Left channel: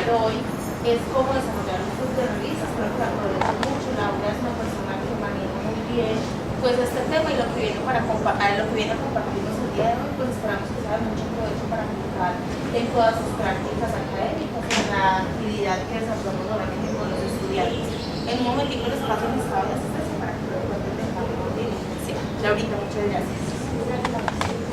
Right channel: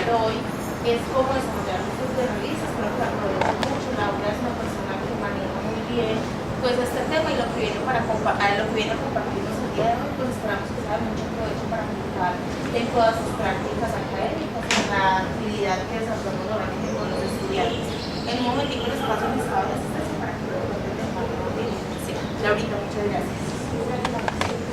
hablar hoy es cómo desarrollar un club de revistas. Creo que aprovecho mucho. Laura es una persona que maneja muy bien pues este tema y lo que viene a compartirnos el día de hoy, pues esperamos que sea de mucho provecho para aplicar en todas sus prácticas académicas y en la actividad que desarrollamos normalmente con los estudiantes. En un momentico les paso el listado de asistencia para que lo cuenten de forma bien. Laurita, muchas gracias.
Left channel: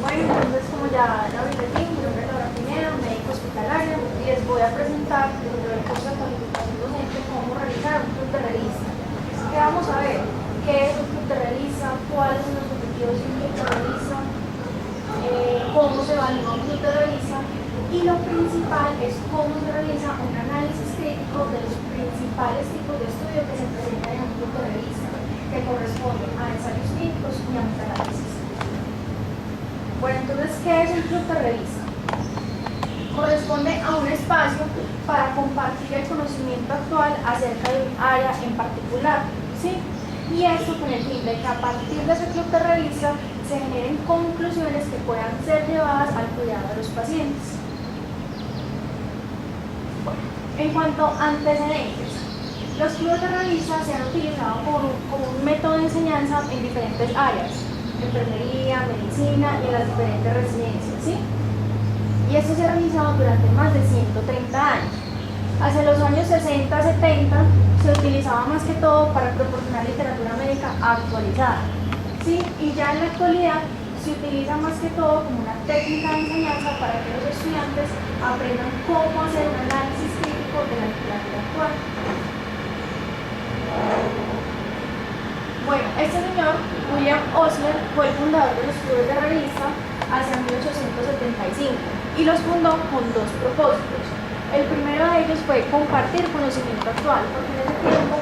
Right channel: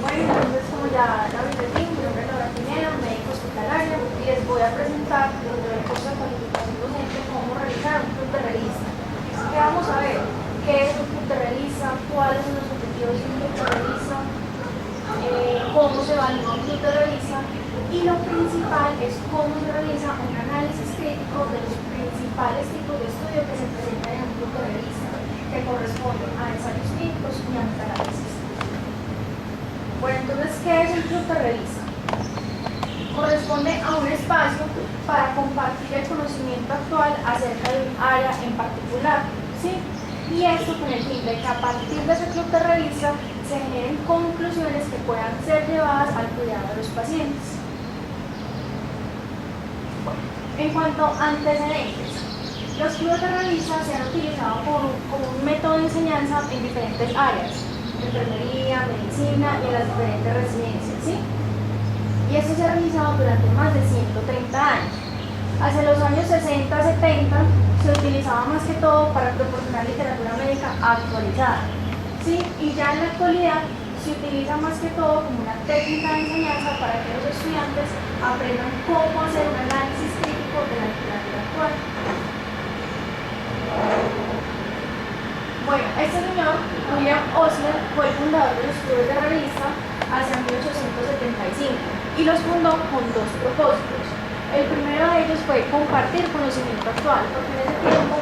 Bueno, entonces como ya Laurita dijo, mi nombre es Laura Pineda, médico hospitalario, y les voy a presentar dentro del curso de cualificación docente cómo realizar un club de revista. ¿Qué vamos a ver? ¿Qué es un club de revista? ¿Cuáles son los objetivos de un club de revista? ¿Cómo se evalúa un club de revista? Y lo principal es cómo se realiza un análisis crítico de los principales tipos de estudio que se presentan en un club de revista, que corresponden a ensayos clínicos y a metaanálisis. Bueno, entonces, ¿qué es un club de revista? Corresponde a un espacio para compartir el conocimiento actual acerca de un área en particular, ¿sí? Y esto con el fin de que a partir de ese club de revista se generen conclusiones que puedan ser llevadas al cuidado de los pacientes. Bueno, en cuanto a antecedentes, los clubes de revista se han utilizado como un método de enseñanza en diferentes áreas, enfermería, medicina y en las diferentes residencias, ¿sí? Y esto se ha realizado durante más de 130 años. Hacia los años 60-70 se utilizaba más que todo para proporcionar literatura médica actualizada, ¿sí? Y ya en la actualidad se utiliza más que todo como una técnica de enseñanza para que los estudiantes aprendan cómo hacer un análisis crítico de la literatura actual. Bueno, este señor, William Osler, fue el fundador de los clubes de revista hacia 1875 y los fundó con dos propósitos. El primero de ellos fue compartir conocimiento actual, porque en ese tiempo,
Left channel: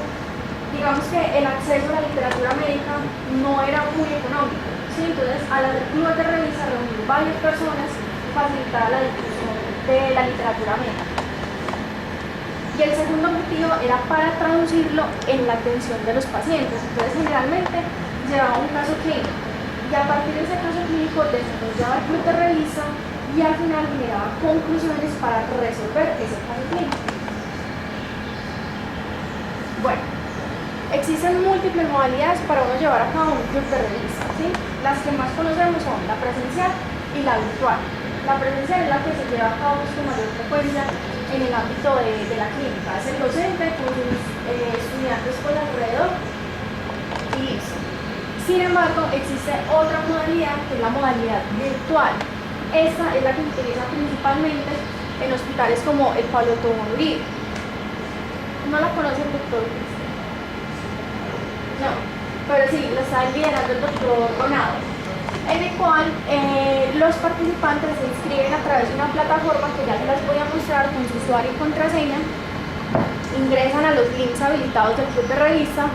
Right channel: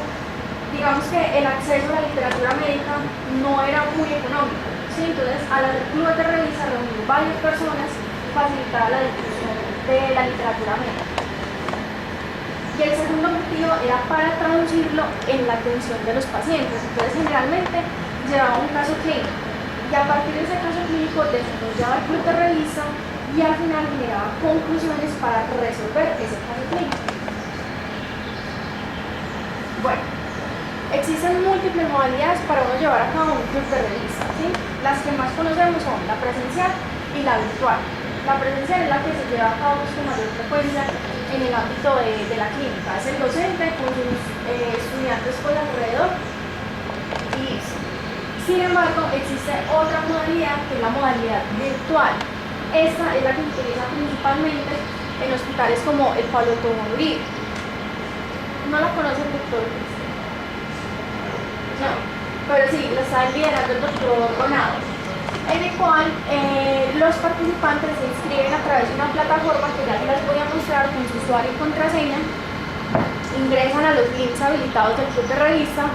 digamos que el acceso a la literatura médica no era muy económico, ¿sí? Entonces, al hacer clubes de revista, reunir varias personas facilitaba la difusión de la literatura médica. Y el segundo objetivo era para traducirlo en la atención de los pacientes. Entonces, generalmente llevaba un caso clínico y a partir de ese caso clínico desarrollaba el club de revista y al final generaba conclusiones para resolver ese caso clínico. Bueno, existen múltiples modalidades para uno llevar a cabo un club de revista, ¿sí? Las que más conocemos son la presencial y la virtual. La presencial es la que se lleva a cabo con mayor frecuencia en el ámbito de la clínica. Es el docente con sus estudiantes por alrededor y listo. Sin embargo, existe otra modalidad que es la modalidad virtual. Esta es la que se utiliza principalmente en hospitales como el Pablo Tobón Uribe. ¿No la conoce el doctor? No, pero sí, la está liderando el doctor Ronado, en el cual los participantes se inscriben a través de una plataforma que ya se las voy a mostrar con su usuario y contraseña, ingresan a los links habilitados del club de revista,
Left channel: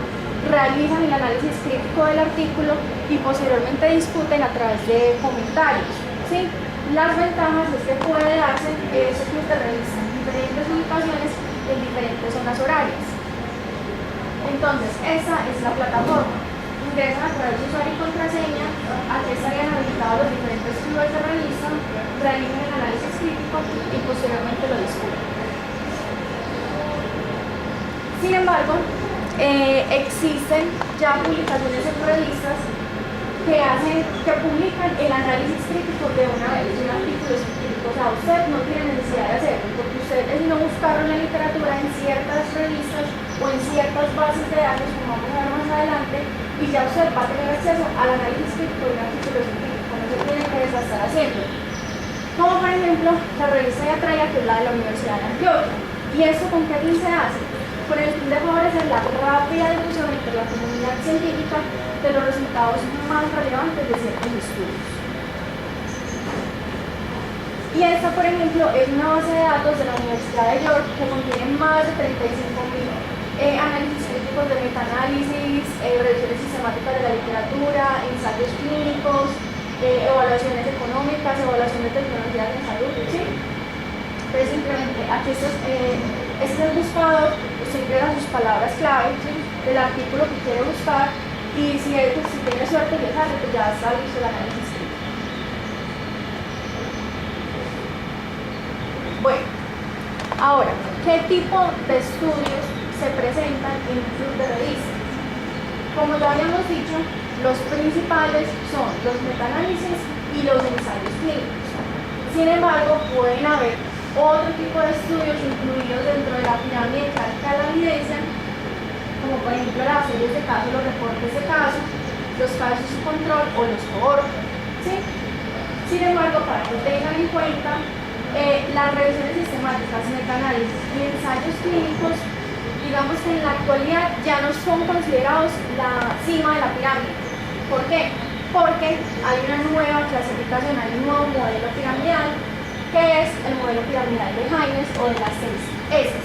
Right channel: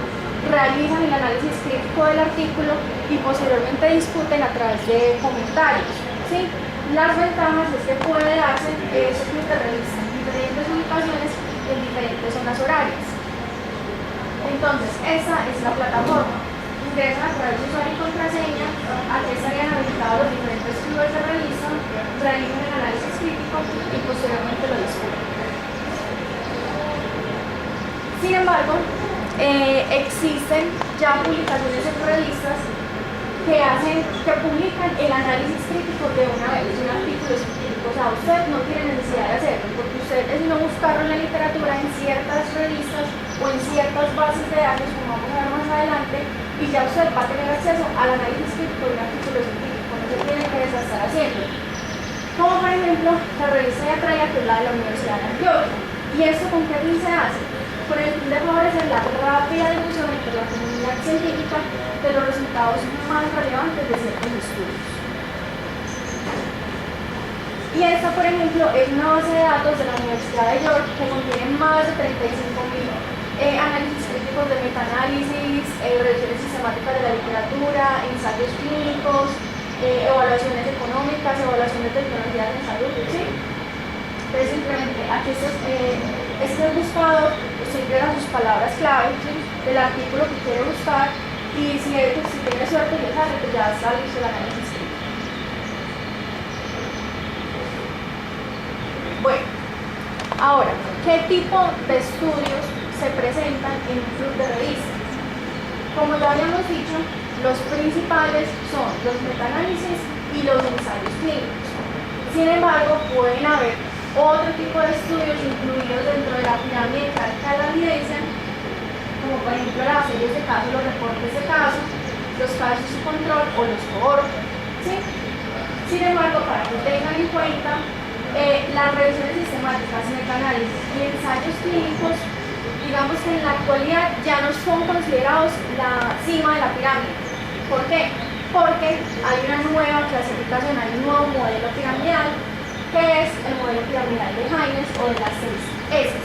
realizan el análisis crítico del artículo y posteriormente discuten a través de comentarios, ¿sí? Las ventajas es que puede darse ese club de revista en diferentes ubicaciones, en diferentes zonas horarias. Entonces, esa es la plataforma. Ingresan a través de usuario y contraseña, aquí estarían habilitados los diferentes clubes de revista, realizan el análisis crítico y posteriormente lo discuten. Sin embargo, existen ya publicaciones en revistas que publican el análisis crítico de una vez, de un artículo científico. O sea, usted no tiene necesidad de hacerlo, porque usted es no buscarlo en la literatura en ciertas revistas o en ciertas bases de datos, como vamos a ver más adelante, y ya usted va a tener acceso al análisis crítico de un artículo científico, no se tiene que desgastar haciendo. Como por ejemplo, la revista de Atraia, que es la de la Universidad de Antioquia. ¿Y esto con qué fin se hace? Con el fin de favorecer la rápida difusión entre la comunidad científica de los resultados más relevantes de ciertos estudios. Y esta, por ejemplo, es una base de datos de la Universidad de York que contiene más de 35.000 análisis críticos de metaanálisis, revisiones sistemáticas de la literatura, ensayos clínicos, evaluaciones económicas, evaluaciones de tecnologías en salud, ¿sí? Entonces, simplemente aquí este buscador, usted ingresa sus palabras clave, ¿sí?, del artículo que quiere buscar, y si tiene suerte y le sale, pues ya está listo el análisis crítico. Bueno, Ahora, ¿qué tipo de estudios se presentan en un club de revistas? Como ya habíamos dicho, los principales son los metaanálisis y los ensayos clínicos. Sin embargo, pueden haber otro tipo de estudios incluidos dentro de la pirámide de la evidencia, como por ejemplo las series de casos, los reportes de casos, los casos de control o los cohortes, ¿sí? Sin embargo, para que tengan en cuenta, las revisiones sistemáticas, metaanálisis y ensayos clínicos, digamos que en la actualidad ya no son considerados la cima de la pirámide. ¿Por qué? Porque hay una nueva clasificación, hay un nuevo modelo piramidal, que es el modelo piramidal de Jaimes o de las 6 S,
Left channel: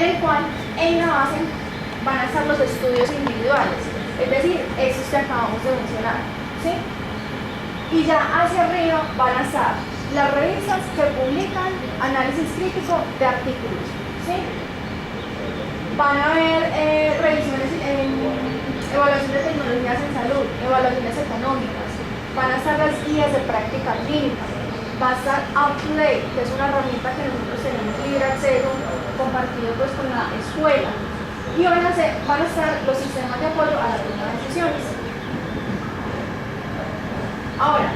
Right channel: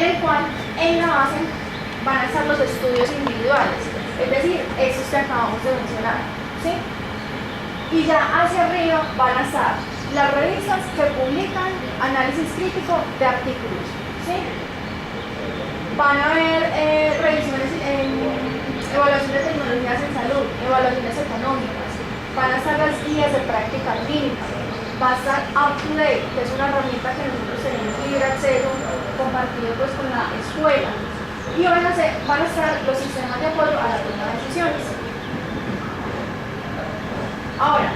en el cual en la base van a estar los estudios individuales, es decir, esos que acabamos de mencionar, ¿sí? Y ya hacia arriba van a estar las revistas que publican análisis crítico de artículos, ¿sí? Van a haber revisiones evaluación de tecnologías en salud, evaluaciones económicas, van a estar las guías de práctica clínica, va a estar UpToDate, que es una herramienta que nosotros tenemos libre acceso, compartido pues con la escuela, y van a estar los sistemas de apoyo a la toma de decisiones. Ahora,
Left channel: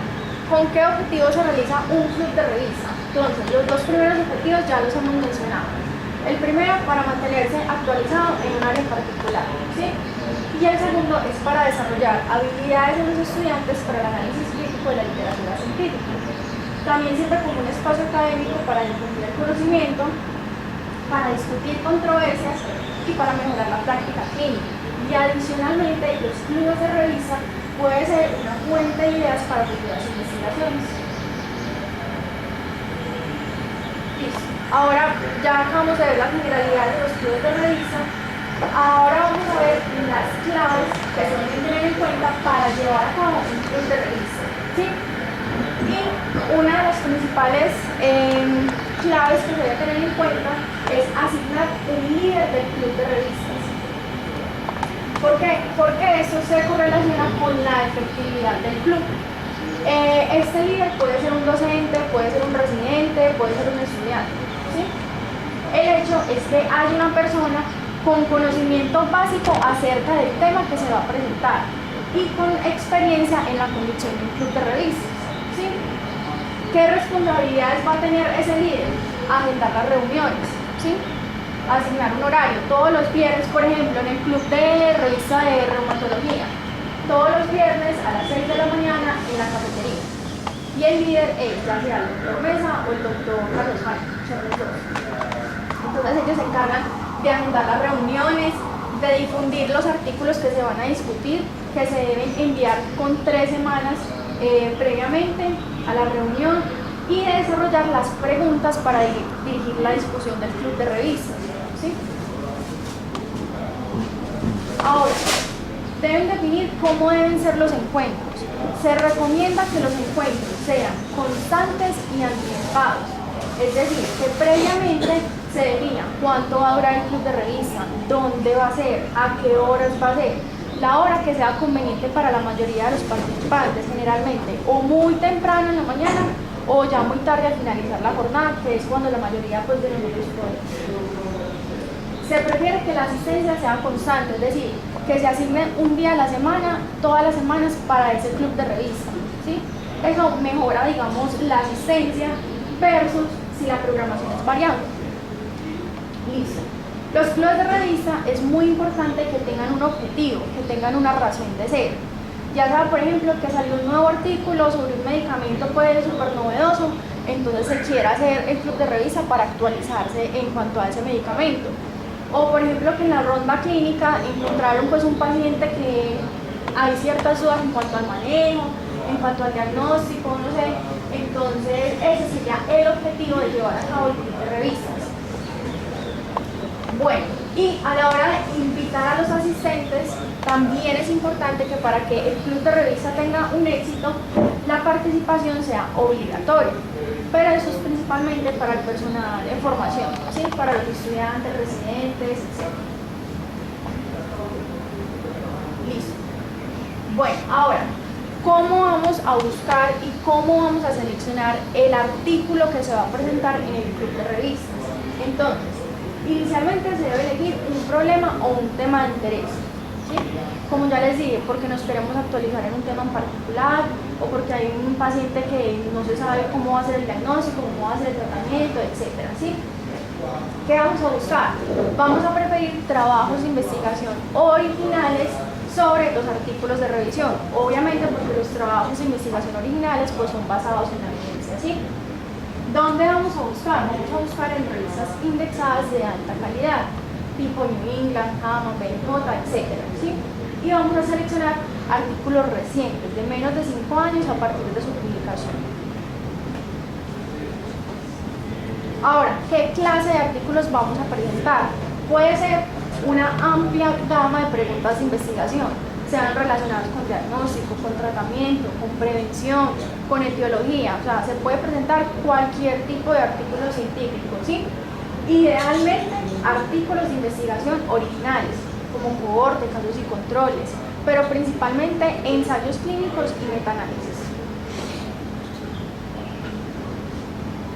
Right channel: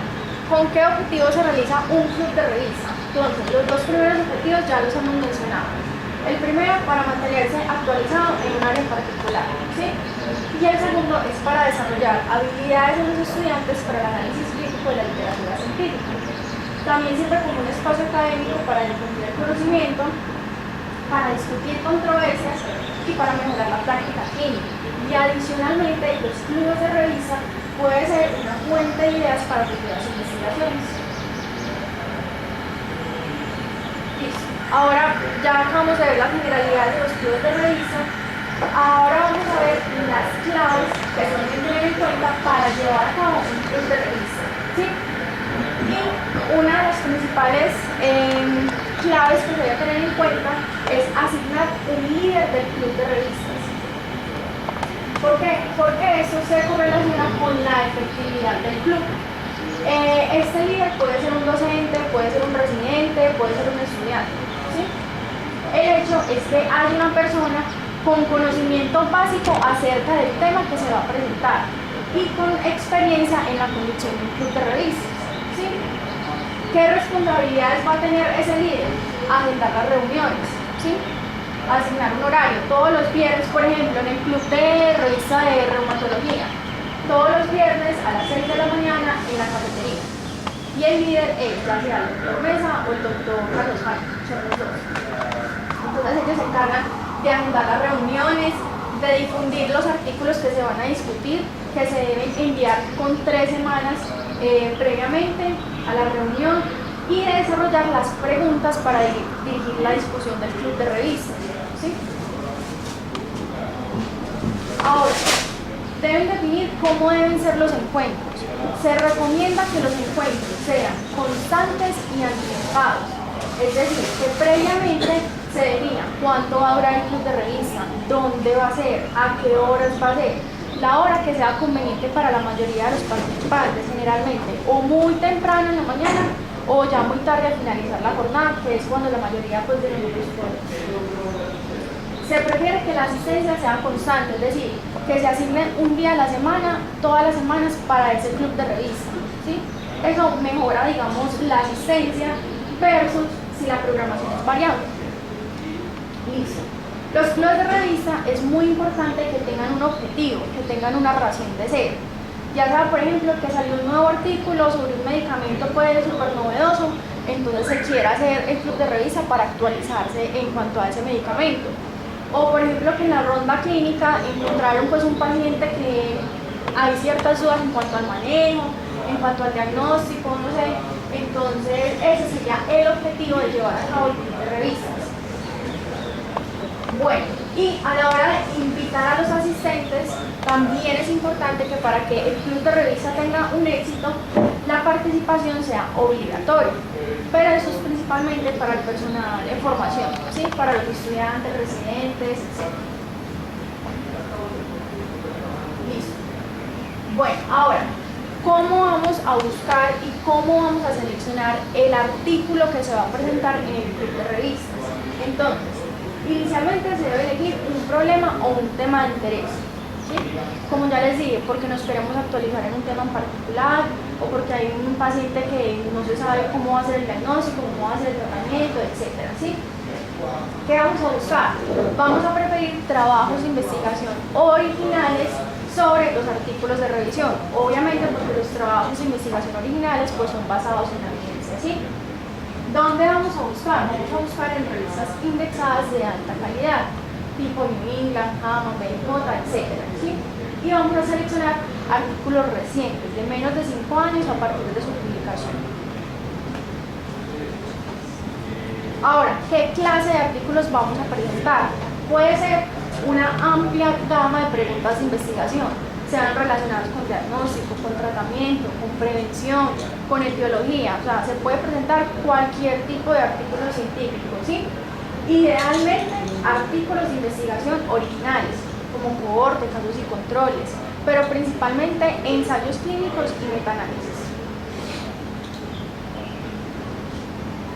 ¿con qué objetivo se realiza un club de revista? Entonces, los dos primeros objetivos ya los hemos mencionado. El primero, para mantenerse actualizado en un área en particular, ¿sí? Y el segundo es para desarrollar habilidades de los estudiantes para el análisis crítico de la literatura científica. También sirve como un espacio académico para difundir el conocimiento, para discutir controversias y para mejorar la práctica clínica. Y adicionalmente, los clubes de revista pueden ser una fuente de ideas para futuras investigaciones. Listo. Ahora ya acabamos de ver la generalidad de los clubes de revista. Ahora vamos a ver las claves que se deben tener en cuenta para llevar a cabo un club de revista, ¿sí? Y una de las principales claves que se debe tener en cuenta es asignar un líder del club de revistas. ¿Por qué? Porque eso se correlaciona con la efectividad del club. Este líder puede ser un docente, puede ser un residente, puede ser un estudiante, ¿sí? El hecho es que hay una persona con conocimiento básico acerca del tema que se va a presentar y con experiencia en la conducción de un club de revistas, ¿sí? ¿Qué responsabilidades va a tener ese líder? Agendar las reuniones, ¿sí? Asignar un horario. Todos los viernes, por ejemplo, en el club de revista de reumatología, todos los viernes a las 6 de la mañana en la cafetería. Y el líder es ya sea el doctor Mesa o el doctor Carlos Jaime, son los dos. Entonces ellos se encargan de agendar las reuniones, de difundir los artículos que se van a discutir, que se deben enviar con 3 semanas previamente a la reunión, y de desarrollar las preguntas para dirigir la discusión del club de revistas, ¿sí? Ahora, deben definir cómo deben ser los encuentros. Se recomienda que los encuentros sean constantes y anticipados, es decir, que previamente se defina cuánto va a durar el club de revista, dónde va a ser, a qué horas va a ser, la hora que sea conveniente para la mayoría de los participantes, generalmente o muy temprano en la mañana o ya muy tarde al finalizar la jornada, que es cuando la mayoría pues, de nosotros podemos. Se prefiere que la asistencia sea constante, es decir, que se asigne un día a la semana, todas las semanas para ese club de revista, ¿sí? Eso mejora, digamos, la asistencia versus si la programación es variable. Listo. Los clubes de revista es muy importante que tengan un objetivo, que tengan una razón de ser. Ya sea, por ejemplo, que salió un nuevo artículo sobre un medicamento pues súper novedoso, entonces se quiere hacer el club de revista para actualizarse en cuanto a ese medicamento. O por ejemplo que en la ronda clínica encontraron pues un paciente que hay ciertas dudas en cuanto al manejo, en cuanto al diagnóstico, no sé. Entonces ese sería el objetivo de llevar a cabo el club de revistas. Bueno, y a la hora de invitar a los asistentes, también es importante que para que el club de revista tenga un éxito, la participación sea obligatoria, pero eso es principalmente para el personal en formación, ¿sí? Para los estudiantes, residentes, etc. Listo. Bueno, ahora, cómo vamos a buscar y cómo vamos a seleccionar el artículo que se va a presentar en el club de revistas. Entonces, inicialmente se debe elegir un problema o un tema de interés, ¿sí? Como ya les dije, porque nos queremos actualizar en un tema en particular o porque hay un paciente que no se sabe cómo va a ser el diagnóstico, cómo va a ser el tratamiento, etc. ¿Sí? ¿Qué vamos a buscar? Vamos a preferir trabajos de investigación originales sobre los artículos de revisión, obviamente porque los trabajos de investigación originales pues son basados en la evidencia, ¿sí? ¿Dónde vamos a buscar? Vamos a buscar en revistas indexadas de alta calidad, tipo New England, JAMA, BMJ, etc. ¿sí? Y vamos a seleccionar artículos recientes, de menos de 5 años a partir de su publicación. Ahora, ¿qué clase de artículos vamos a presentar? Puede ser una amplia gama de preguntas de investigación, sean relacionadas con diagnóstico, con tratamiento, con prevención, con etiología, o sea, se puede presentar cualquier tipo de artículo científico, ¿sí? Idealmente, artículos de investigación originales, como cohorte, casos y controles, pero principalmente ensayos clínicos y metaanálisis.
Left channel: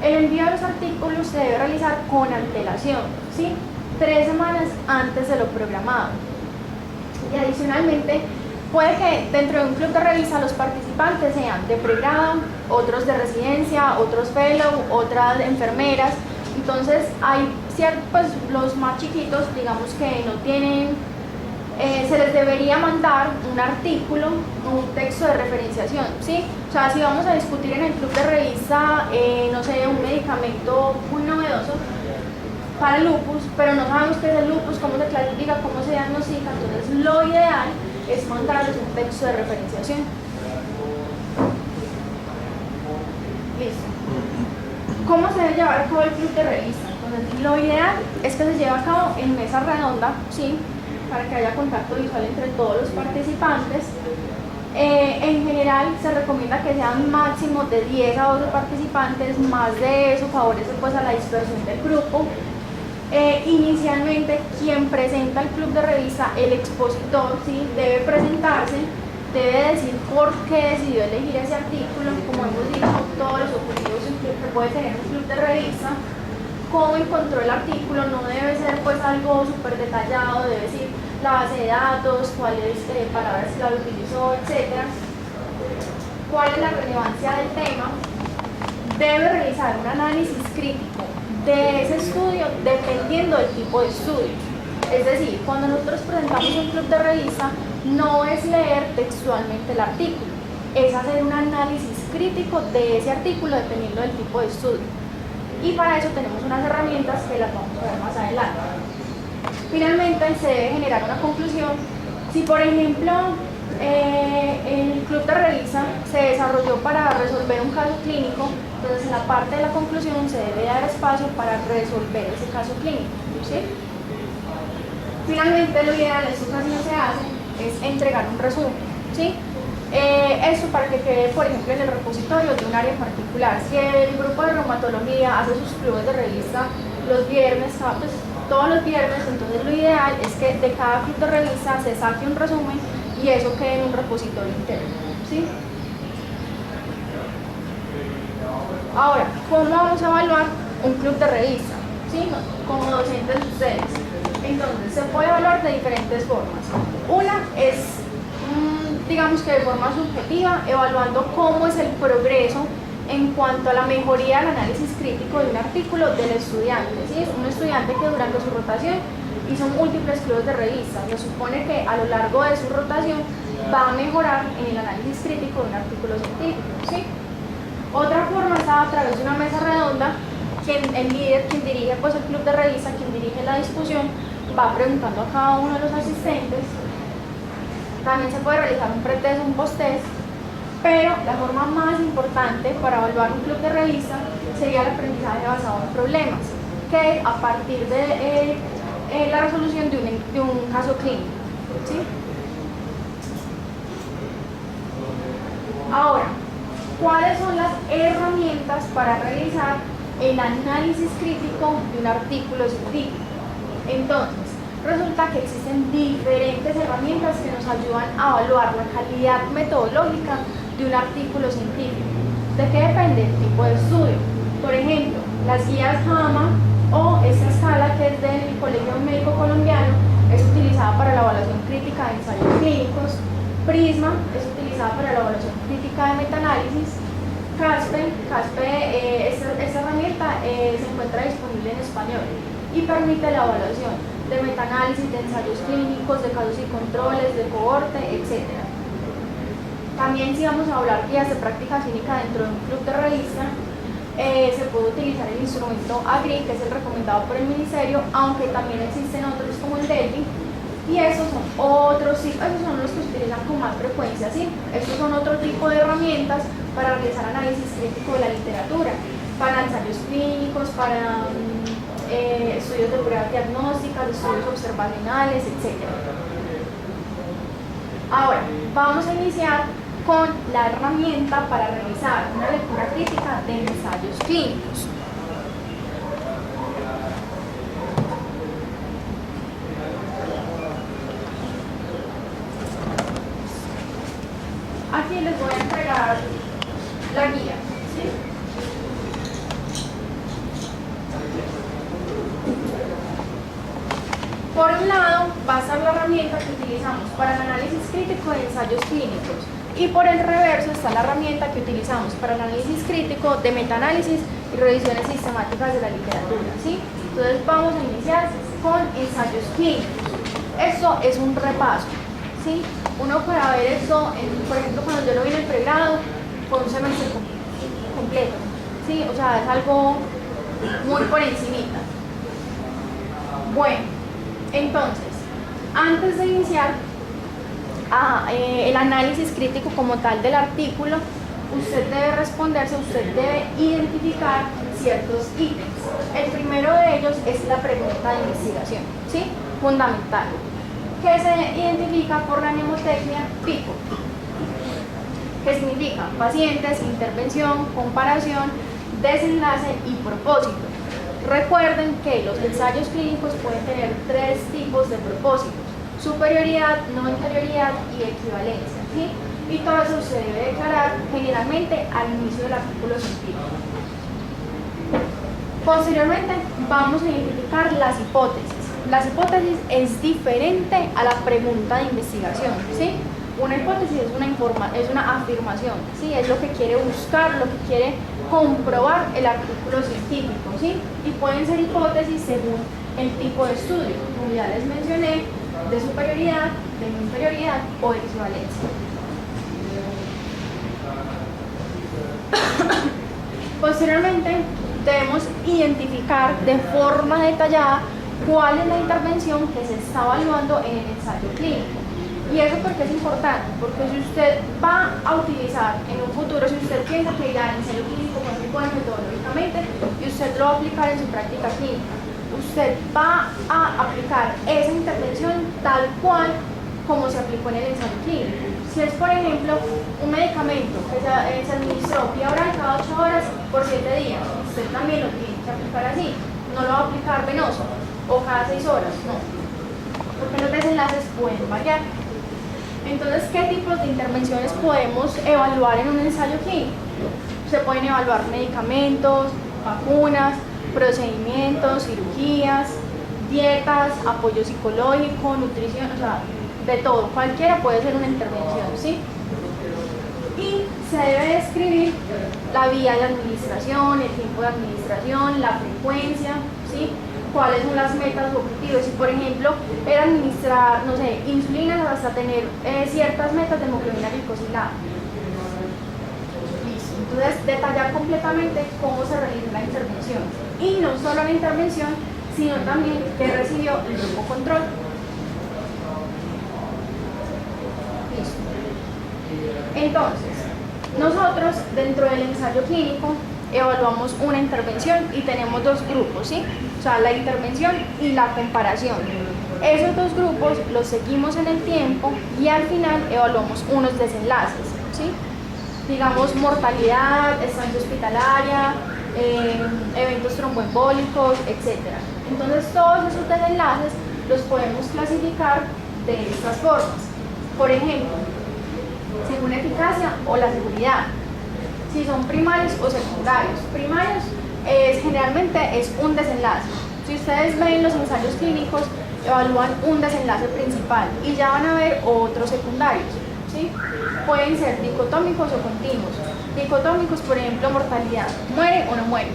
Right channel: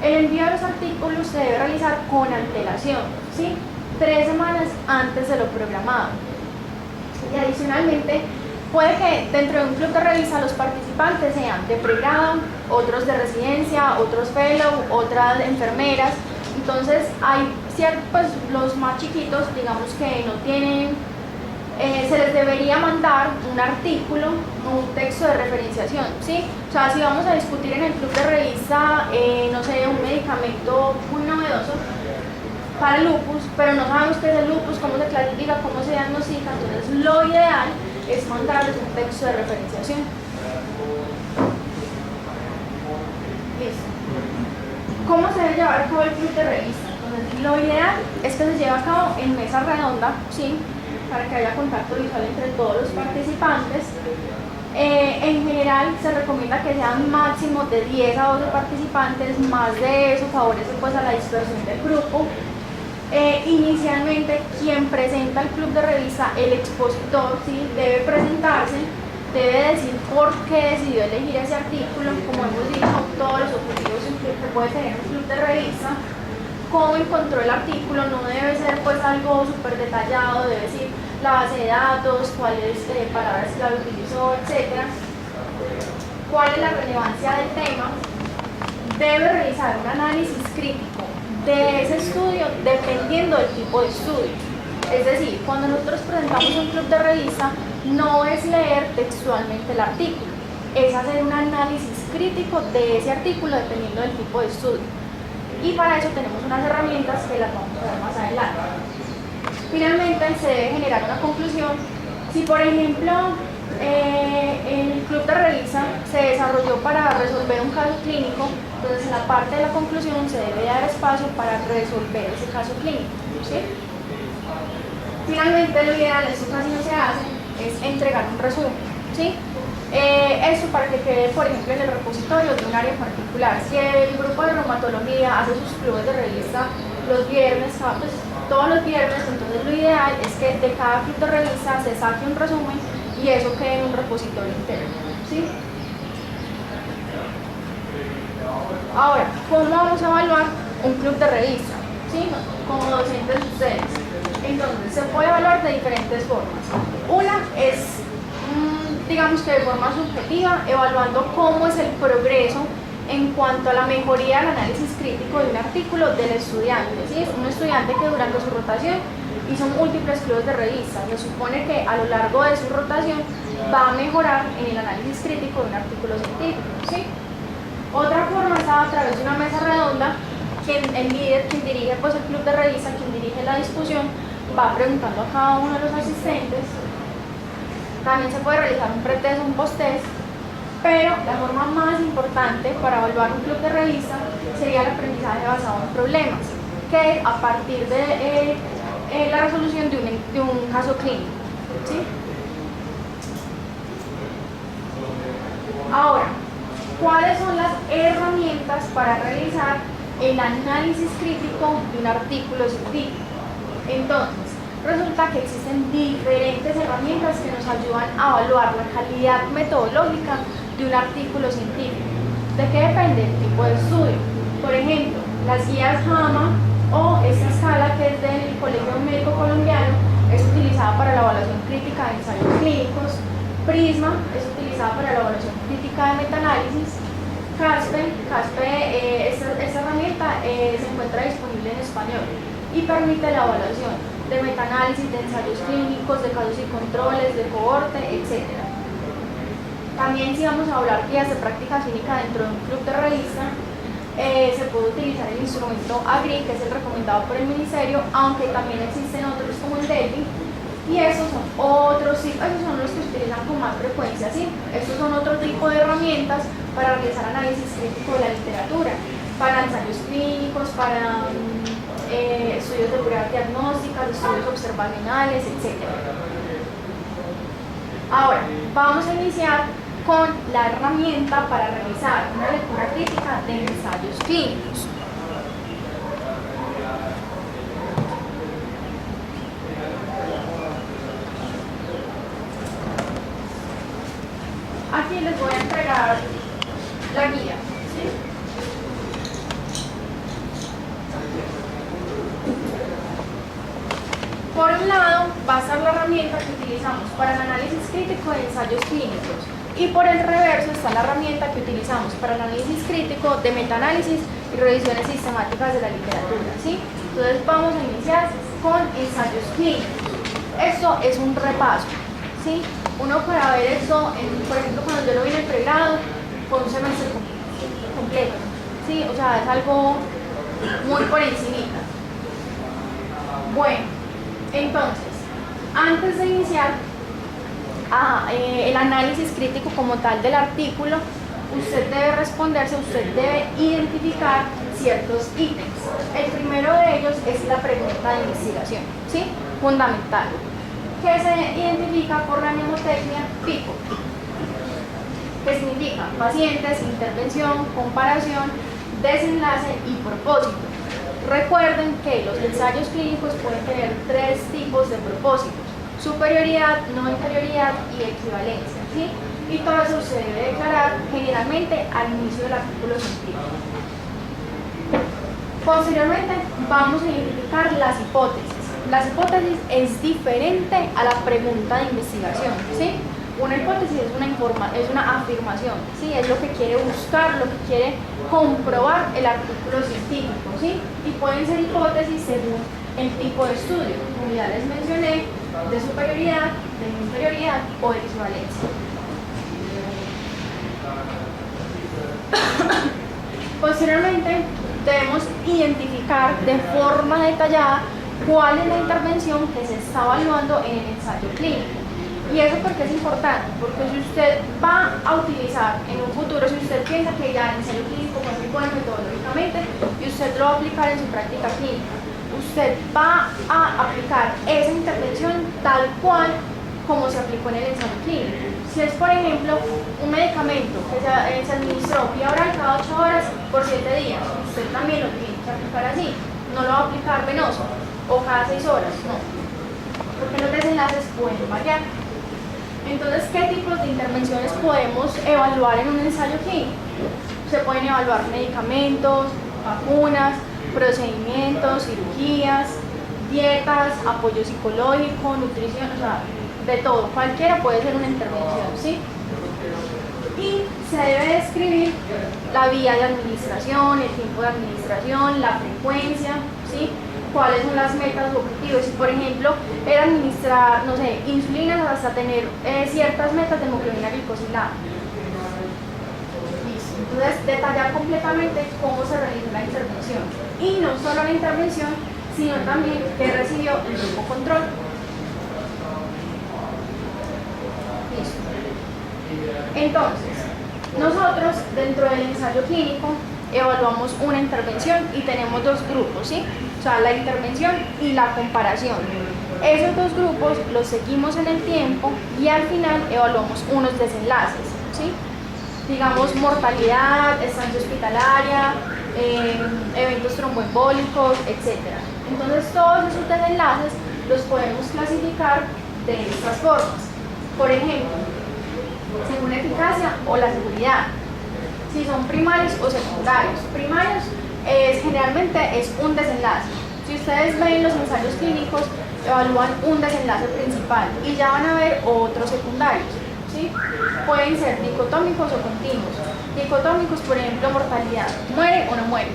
El envío de los artículos se debe realizar con antelación, ¿sí? 3 semanas antes de lo programado. Y adicionalmente, puede que dentro de un club de revista los participantes sean de pregrado, otros de residencia, otros fellow, otras enfermeras. Entonces, hay ciertos, pues, los más chiquitos, digamos que no tienen, se les debería mandar un artículo o un texto de referenciación, ¿sí? O sea, si vamos a discutir en el club de revista, no sé, un medicamento muy novedoso para el lupus, pero no sabemos qué es el lupus, cómo se clasifica, cómo se diagnostica, entonces lo ideal es mandarles un texto de referenciación. Listo. ¿Cómo se debe llevar a cabo el club de revista? Entonces, lo ideal es que se lleve a cabo en mesa redonda, ¿sí? Para que haya contacto visual entre todos los participantes. En general se recomienda que sean máximo de 10 a 12 participantes, más de eso favorece pues a la dispersión del grupo. Inicialmente quien presenta el club de revista, el expositor, ¿sí? Debe presentarse, debe decir por qué decidió elegir ese artículo, como hemos dicho, todos los objetivos que puede tener un club de revista, cómo encontró el artículo, no debe ser pues algo súper detallado, debe decir la base de datos, cuáles palabras clave utilizó, etc. ¿Cuál es la relevancia del tema? Debe realizar un análisis crítico de ese estudio dependiendo del tipo de estudio. Es decir, cuando nosotros presentamos un club de revista, no es leer textualmente el artículo, es hacer un análisis crítico de ese artículo dependiendo del tipo de estudio. Y para eso tenemos unas herramientas que las vamos a ver más adelante. Finalmente, se debe generar una conclusión. Si, por ejemplo, el club de revista se desarrolló para resolver un caso clínico, entonces en la parte de la conclusión se debe dar espacio para resolver ese caso clínico, ¿sí? Finalmente, lo ideal, esto casi no se hace, es entregar un resumen, ¿sí? Esto para que quede, por ejemplo, en el repositorio de un área en particular. Si el grupo de reumatología hace sus clubes de revista los viernes, pues, todos los viernes, entonces lo ideal es que de cada club de revista se saque un resumen y eso quede en un repositorio interno, ¿sí? Ahora, ¿cómo vamos a evaluar un club de revista? ¿Sí? Como docentes ustedes. Entonces, se puede evaluar de diferentes formas. Una es, digamos que de forma subjetiva, evaluando cómo es el progreso en cuanto a la mejoría del análisis crítico de un artículo del estudiante. ¿Sí? Es un estudiante que durante su rotación hizo múltiples clubes de revistas. Se supone que a lo largo de su rotación va a mejorar en el análisis crítico de un artículo científico, ¿sí? Otra forma es a través de una mesa redonda, el líder, quien dirige pues, el club de revista, quien dirige la discusión, va preguntando a cada uno de los asistentes. También se puede realizar un pretest o un posttest, pero la forma más importante para evaluar un club de revista sería el aprendizaje basado en problemas, que es a partir de la resolución de un caso clínico, ¿sí? Ahora, ¿cuáles son las herramientas para realizar el análisis crítico de un artículo científico? Entonces, Resulta que existen diferentes herramientas que nos ayudan a evaluar la calidad metodológica de un artículo científico. ¿De qué depende? El tipo de estudio. Por ejemplo, las guías JAMA o esta escala que es del Colegio Médico Colombiano es utilizada para la evaluación crítica de ensayos clínicos. PRISMA es utilizada para la evaluación crítica de metaanálisis. Esta herramienta se encuentra disponible en español y permite la evaluación de metaanálisis, de ensayos clínicos, de casos y controles, de cohorte, etc. También, si vamos a hablar guías de práctica clínica dentro de un club de revista, se puede utilizar el instrumento AGRI, que es el recomendado por el ministerio, aunque también existen otros como el DELFI, y esos son otros, esos son los que se utilizan con más frecuencia, ¿sí? Estos son otro tipo de herramientas para realizar análisis crítico de la literatura, para ensayos clínicos, para estudios de pruebas diagnósticas, estudios observacionales, etc. Ahora, vamos a iniciar con la herramienta para realizar una lectura crítica de ensayos clínicos. Aquí les voy a entregar la guía, ¿sí? Por un lado va a estar la herramienta que utilizamos para el análisis crítico de ensayos clínicos y por el reverso está la herramienta que utilizamos para el análisis crítico de metaanálisis y revisiones sistemáticas de la literatura, ¿sí? Entonces vamos a iniciar con ensayos clínicos. Esto es un repaso, ¿sí? Uno para ver esto, por ejemplo, cuando yo lo vi en el pregrado, fue un semestre completo, ¿sí? O sea, es algo muy por encimita. Bueno, entonces, antes de iniciar el análisis crítico como tal del artículo, usted debe responderse, usted debe identificar ciertos ítems. El primero de ellos es la pregunta de investigación, ¿sí? Fundamental, que se identifica por la mnemotecnia PICO, que significa pacientes, intervención, comparación, desenlace y propósito. Recuerden que los ensayos clínicos pueden tener tres tipos de propósitos: superioridad, no inferioridad y equivalencia, ¿sí? Y todo eso se debe declarar generalmente al inicio del artículo científico. Posteriormente vamos a identificar las hipótesis. Las hipótesis es diferente a la pregunta de investigación, ¿sí? Una hipótesis es una afirmación, ¿sí? Es lo que quiere buscar, lo que quiere comprobar el artículo científico, ¿sí? Y pueden ser hipótesis según el tipo de estudio, como ya les mencioné, de superioridad, de no inferioridad o de equivalencia. Posteriormente, debemos identificar de forma detallada cuál es la intervención que se está evaluando en el ensayo clínico. ¿Y eso por qué es importante? Porque si usted va a utilizar en un futuro, si usted piensa que ya el ensayo clínico fue muy bueno metodológicamente y usted lo va a aplicar en su práctica clínica, usted va a aplicar esa intervención tal cual como se aplicó en el ensayo clínico. Si es, por ejemplo, un medicamento que se administró vía oral cada 8 horas por 7 días, usted también lo tiene que aplicar así. No lo va a aplicar venoso o cada 6 horas, no, porque los desenlaces pueden variar. Entonces, ¿qué tipos de intervenciones podemos evaluar en un ensayo clínico? Se pueden evaluar medicamentos, vacunas, procedimientos, cirugías, dietas, apoyo psicológico, nutrición, o sea, de todo, cualquiera puede ser una intervención, ¿sí? Y se debe describir la vía de administración, el tiempo de administración, la frecuencia, ¿sí? Cuáles son las metas o objetivos. Si, por ejemplo, era administrar, no sé, insulinas hasta tener ciertas metas de hemoglobina glicosilada. Listo. Entonces, detallar completamente cómo se realiza la intervención. Y no solo la intervención, sino también que recibió el grupo control. Listo. Entonces, nosotros dentro del ensayo clínico evaluamos una intervención y tenemos dos grupos, ¿sí? O sea, la intervención y la comparación. Esos dos grupos los seguimos en el tiempo y al final evaluamos unos desenlaces, ¿sí? Digamos, mortalidad, estancia hospitalaria, eventos tromboembólicos, etc. Entonces, todos esos desenlaces los podemos clasificar de estas formas. Por ejemplo, según la eficacia o la seguridad, si son primarios o secundarios. Primarios generalmente es un desenlace. Si ustedes ven los ensayos clínicos, evalúan un desenlace principal y ya van a ver otros secundarios, ¿sí? Pueden ser dicotómicos o continuos. Dicotómicos, por ejemplo, mortalidad, muere o no muere.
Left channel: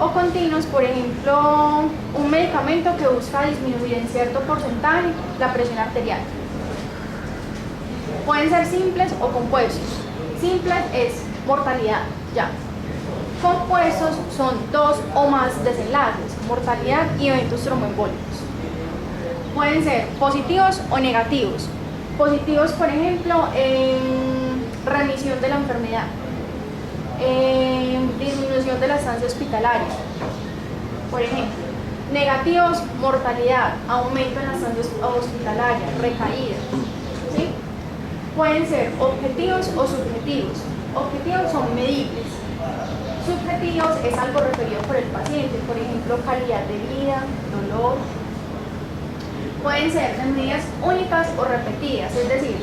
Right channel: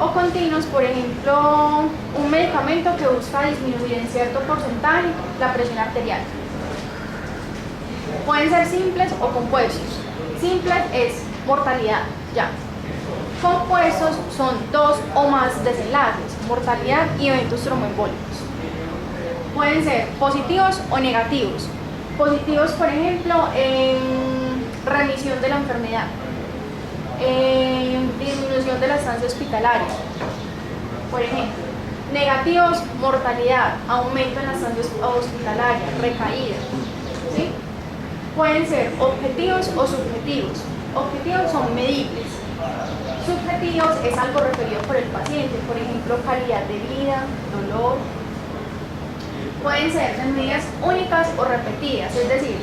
O continuos, por ejemplo, un medicamento que busca disminuir en cierto porcentaje la presión arterial. Pueden ser simples o compuestos. Simples es mortalidad, ya. Compuestos son dos o más desenlaces, mortalidad y eventos tromboembólicos. Pueden ser positivos o negativos. Positivos, por ejemplo, en remisión de la enfermedad, disminución de la estancia hospitalaria. Por ejemplo, negativos, mortalidad, aumento en la estancia hospitalaria, recaída. ¿Sí? Pueden ser objetivos o subjetivos. Objetivos son medibles. Subjetivos es algo referido por el paciente, por ejemplo, calidad de vida, dolor. Pueden ser de medidas únicas o repetidas, es decir,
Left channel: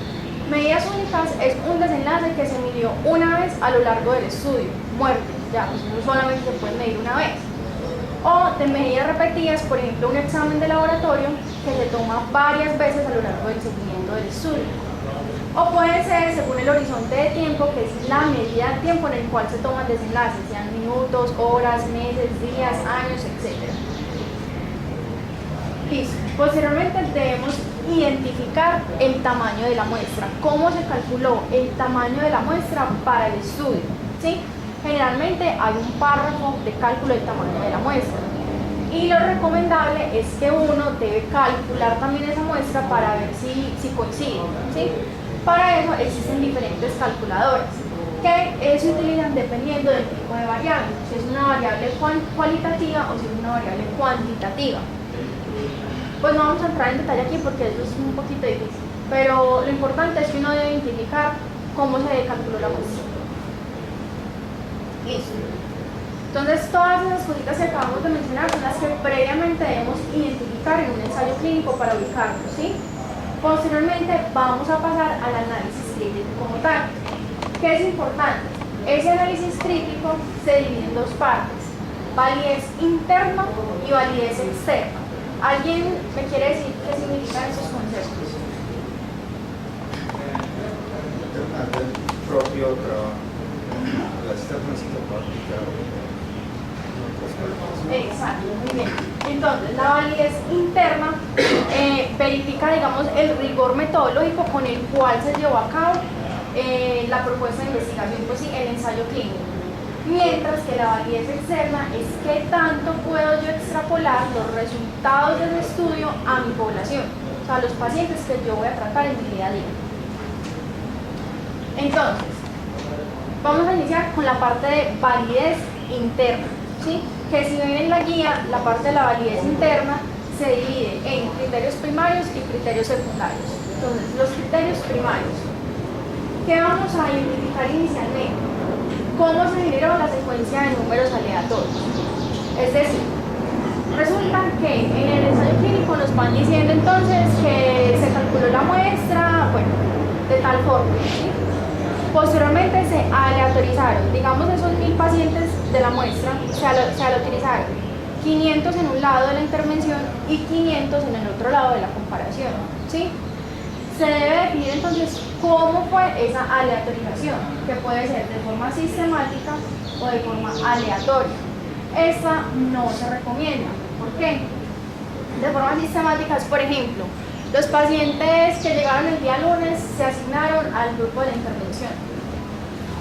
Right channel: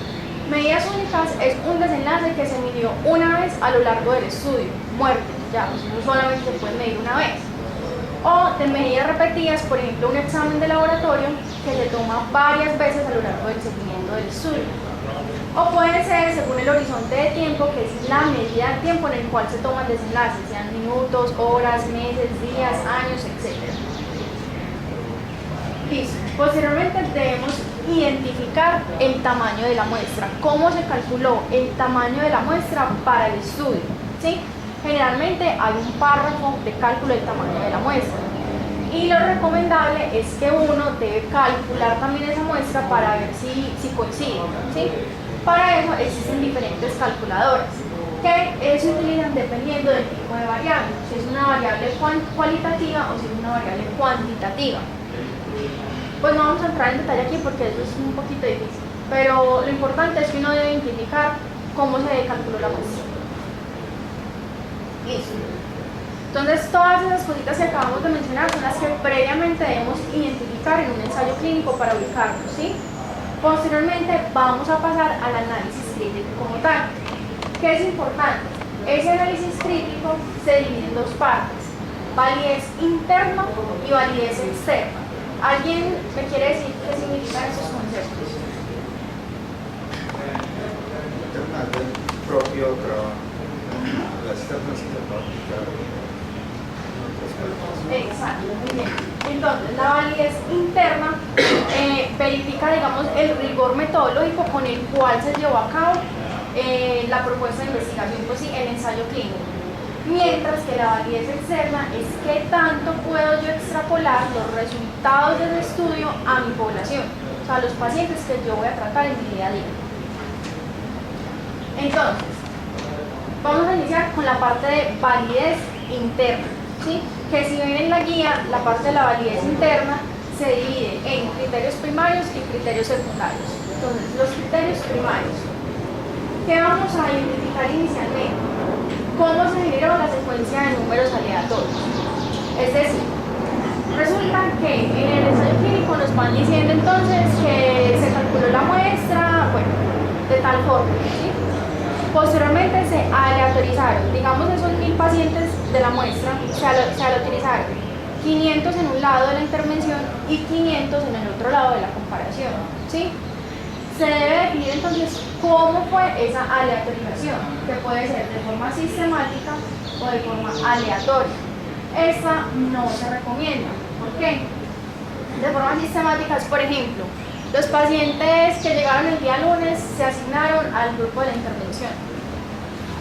medidas únicas es un desenlace que se midió una vez a lo largo del estudio, muerte, ya, pues eso solamente se puede medir una vez. O de medidas repetidas, por ejemplo, un examen de laboratorio que se toma varias veces a lo largo del seguimiento del estudio. O puede ser según el horizonte de tiempo, que es la medida de tiempo en el cual se toman desenlaces, sean minutos, horas, meses, días, años, etc. Listo. Posteriormente debemos identificar el tamaño de la muestra. ¿Cómo se calculó el tamaño de la muestra para el estudio? ¿Sí? Generalmente hay un párrafo de cálculo del tamaño de la muestra. Y lo recomendable es que uno debe calcular también esa muestra para ver si coincide. ¿Sí? Para eso existen diferentes calculadoras que se utilizan dependiendo del tipo de variable, si es una variable cualitativa o si es una variable cuantitativa. Pues no vamos a entrar en detalle aquí porque eso es un poquito difícil, pero lo importante es que uno debe identificar cómo se calculó la muestra. Listo. Entonces todas esas cositas que acabamos de mencionar son las que previamente debemos identificar en un ensayo clínico para ubicarnos, ¿sí? Posteriormente vamos a pasar al análisis crítico como tal. ¿Qué es importante? Ese análisis crítico se divide en dos partes, validez interna y validez externa. ¿Alguien me quiere decir qué significan esos conceptos? Interna del propio trabajo. La externa sí se puede aplicar. Exacto, muy bien. Entonces, la validez interna verifica, digamos, el rigor metodológico con el cual se llevó a cabo la propuesta de investigación, pues sí, el ensayo clínico. Mientras que la validez externa es qué tanto puedo yo extrapolar los resultados del estudio a mi población, o sea, a los pacientes que yo voy a tratar en mi día a día. Entonces, vamos a iniciar con la parte de validez interna, ¿sí? Que si ven en la guía, la parte de la validez interna se divide en criterios primarios y criterios secundarios. Entonces, los criterios primarios, ¿qué vamos a identificar inicialmente? ¿Cómo se generó la secuencia de números aleatorios? Es decir, resulta que en el ensayo clínico nos van diciendo entonces que se calculó la muestra, bueno, de tal forma, ¿sí? Posteriormente se aleatorizaron, digamos esos 1000 pacientes de la muestra, se aleatorizaron 500 en un lado de la intervención y 500 en el otro lado de la comparación, ¿sí? Se debe definir entonces cómo fue esa aleatorización, que puede ser de forma sistemática o de forma aleatoria. Esta no se recomienda. ¿Por qué? De forma sistemática es, por ejemplo, los pacientes que llegaron el día lunes se asignaron al grupo de la intervención.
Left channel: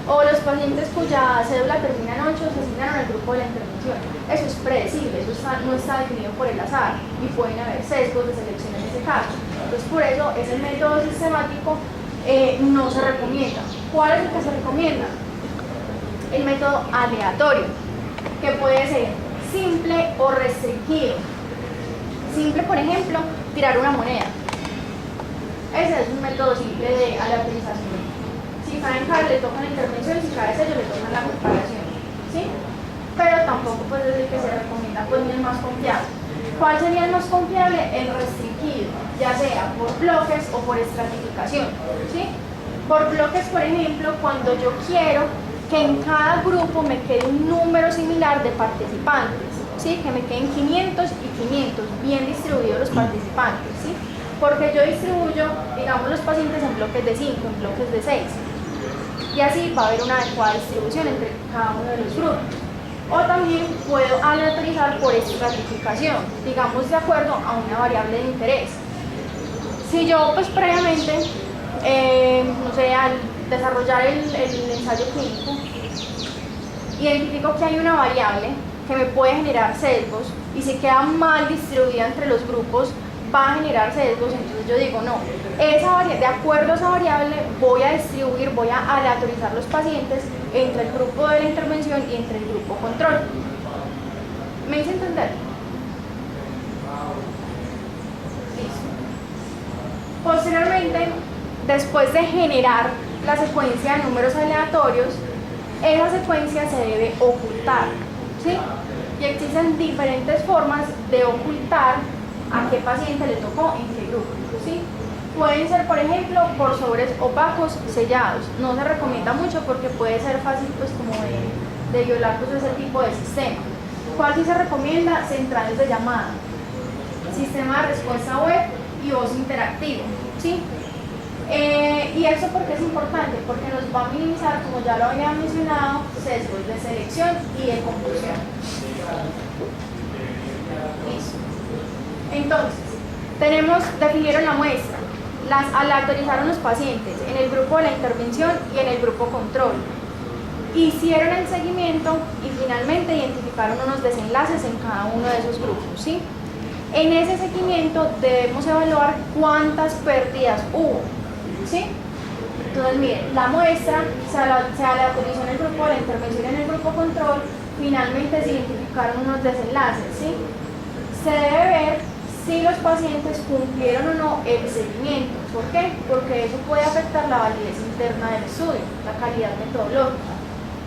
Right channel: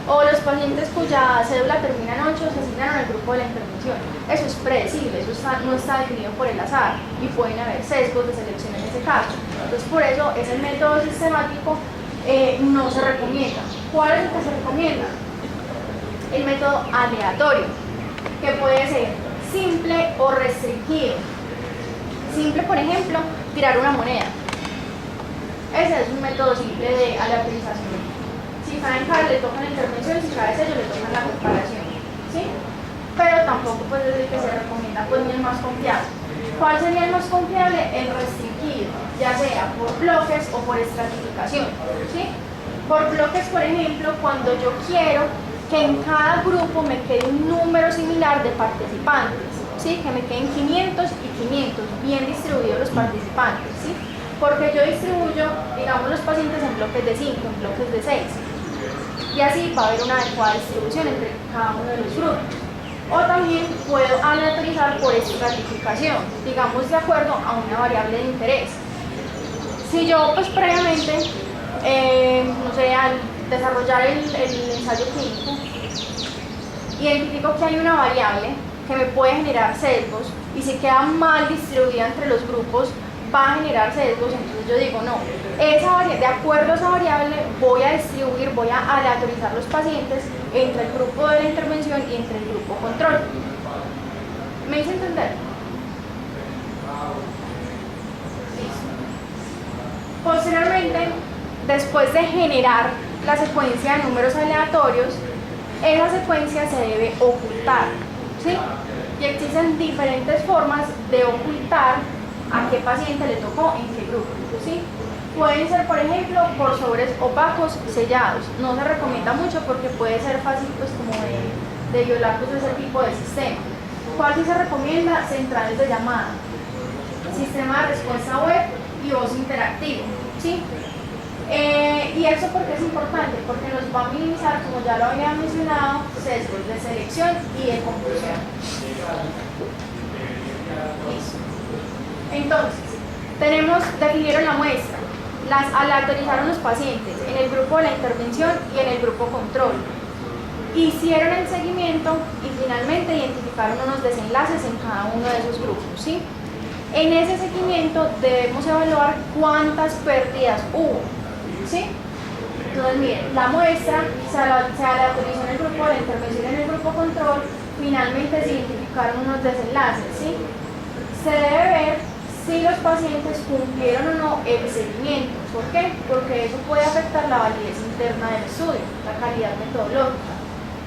O los pacientes cuya cédula termina en 8 se asignaron al grupo de la intervención. Eso es predecible, eso no está definido por el azar y pueden haber sesgos de selección en ese caso. Entonces, por eso ese método sistemático no se recomienda. ¿Cuál es el que se recomienda? El método aleatorio, que puede ser simple o restringido. Simple, por ejemplo, tirar una moneda. Ese es un método simple de aleatorización. Si cae en cara le tocan la intervención, si cae sello le tocan la comparación, ¿sí? Pero tampoco pues es el que se recomienda, pues ni el más confiable. ¿Cuál sería el más confiable? El restringido, ya sea por bloques o por estratificación, ¿sí? Por bloques, por ejemplo, cuando yo quiero que en cada grupo me quede un número similar de participantes, ¿sí? Que me queden 500 y 500, bien distribuidos los participantes, ¿sí? Porque yo distribuyo, digamos, los pacientes en bloques de 5, en bloques de 6, y así va a haber una adecuada distribución entre cada uno de los grupos. O también puedo aleatorizar por estratificación, digamos de acuerdo a una variable de interés. Si yo pues previamente, no sé, al desarrollar el ensayo clínico, identifico que hay una variable que me puede generar sesgos y si queda mal distribuida entre los grupos va a generar sesgos, entonces yo digo no, de acuerdo a esa variable voy a distribuir, voy a aleatorizar los pacientes entre el grupo de la intervención y entre el grupo control. ¿Me hice entender? Listo. Posteriormente, después de generar la secuencia de números aleatorios, esa secuencia se debe ocultar, ¿sí? Y existen diferentes formas de ocultar a qué paciente le tocó en qué grupo, ¿sí? Pueden ser, por ejemplo, por sobres opacos sellados. No se recomienda mucho porque puede ser fácil pues como de violar pues, ese tipo de sistema. ¿Cuál sí se recomienda? Centrales de llamada, sistema de respuesta web y voz interactivo, ¿sí? Y eso porque es importante, porque nos va a minimizar, como ya lo había mencionado, sesgos de selección y de confusión. Listo. Entonces, definieron la muestra, las aleatorizaron los pacientes en el grupo de la intervención y en el grupo control. Hicieron el seguimiento y finalmente identificaron unos desenlaces en cada uno de esos grupos, ¿sí? En ese seguimiento debemos evaluar cuántas pérdidas hubo, ¿sí? Entonces, miren, la muestra se aleatorizó en el grupo de la intervención y en el grupo control, finalmente se identificaron unos desenlaces, ¿sí? Se debe ver si los pacientes cumplieron o no el seguimiento. ¿Por qué? Porque eso puede afectar la validez interna del estudio, la calidad metodológica.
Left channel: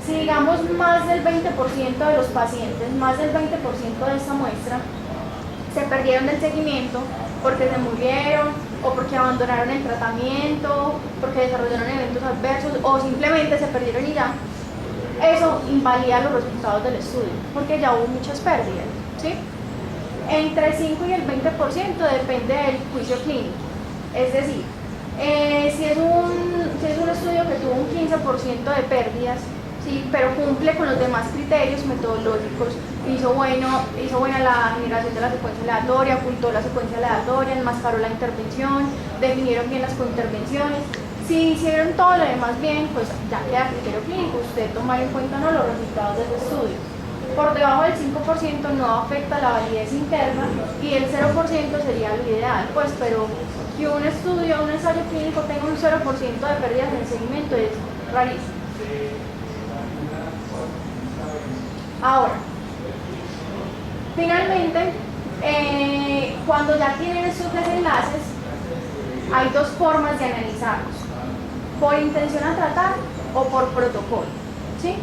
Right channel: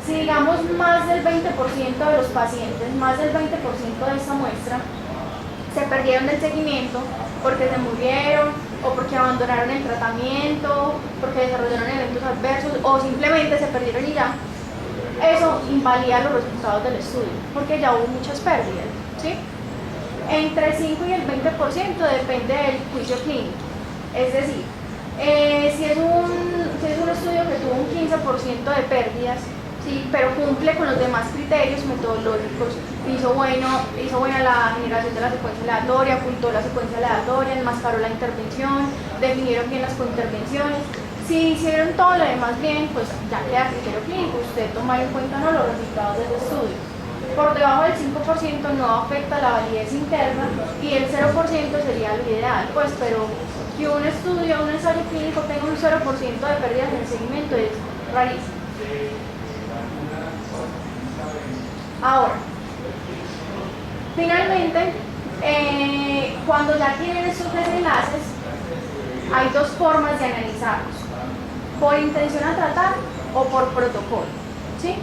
Si digamos más del 20% de los pacientes, más del 20% de esta muestra, se perdieron del seguimiento porque se murieron o porque abandonaron el tratamiento, porque desarrollaron eventos adversos o simplemente se perdieron y ya, eso invalida los resultados del estudio porque ya hubo muchas pérdidas, ¿sí? Entre el 5 y el 20% depende del juicio clínico, es decir, si es un estudio que tuvo un 15% de pérdidas, sí, pero cumple con los demás criterios metodológicos, hizo buena la generación de la secuencia aleatoria, ocultó la secuencia aleatoria, enmascaró la intervención, definieron bien las cointervenciones. Si hicieron todo lo demás bien, pues ya queda criterio clínico, usted tomar en cuenta no los resultados de ese estudio. Por debajo del 5% no afecta la validez interna y el 0% sería lo ideal, pues, pero que un ensayo clínico tenga un 0% de pérdidas en el seguimiento es rarísimo. Ahora, finalmente, cuando ya tienen estos desenlaces, hay dos formas de analizarlos, por intención a tratar o por protocolo, ¿sí?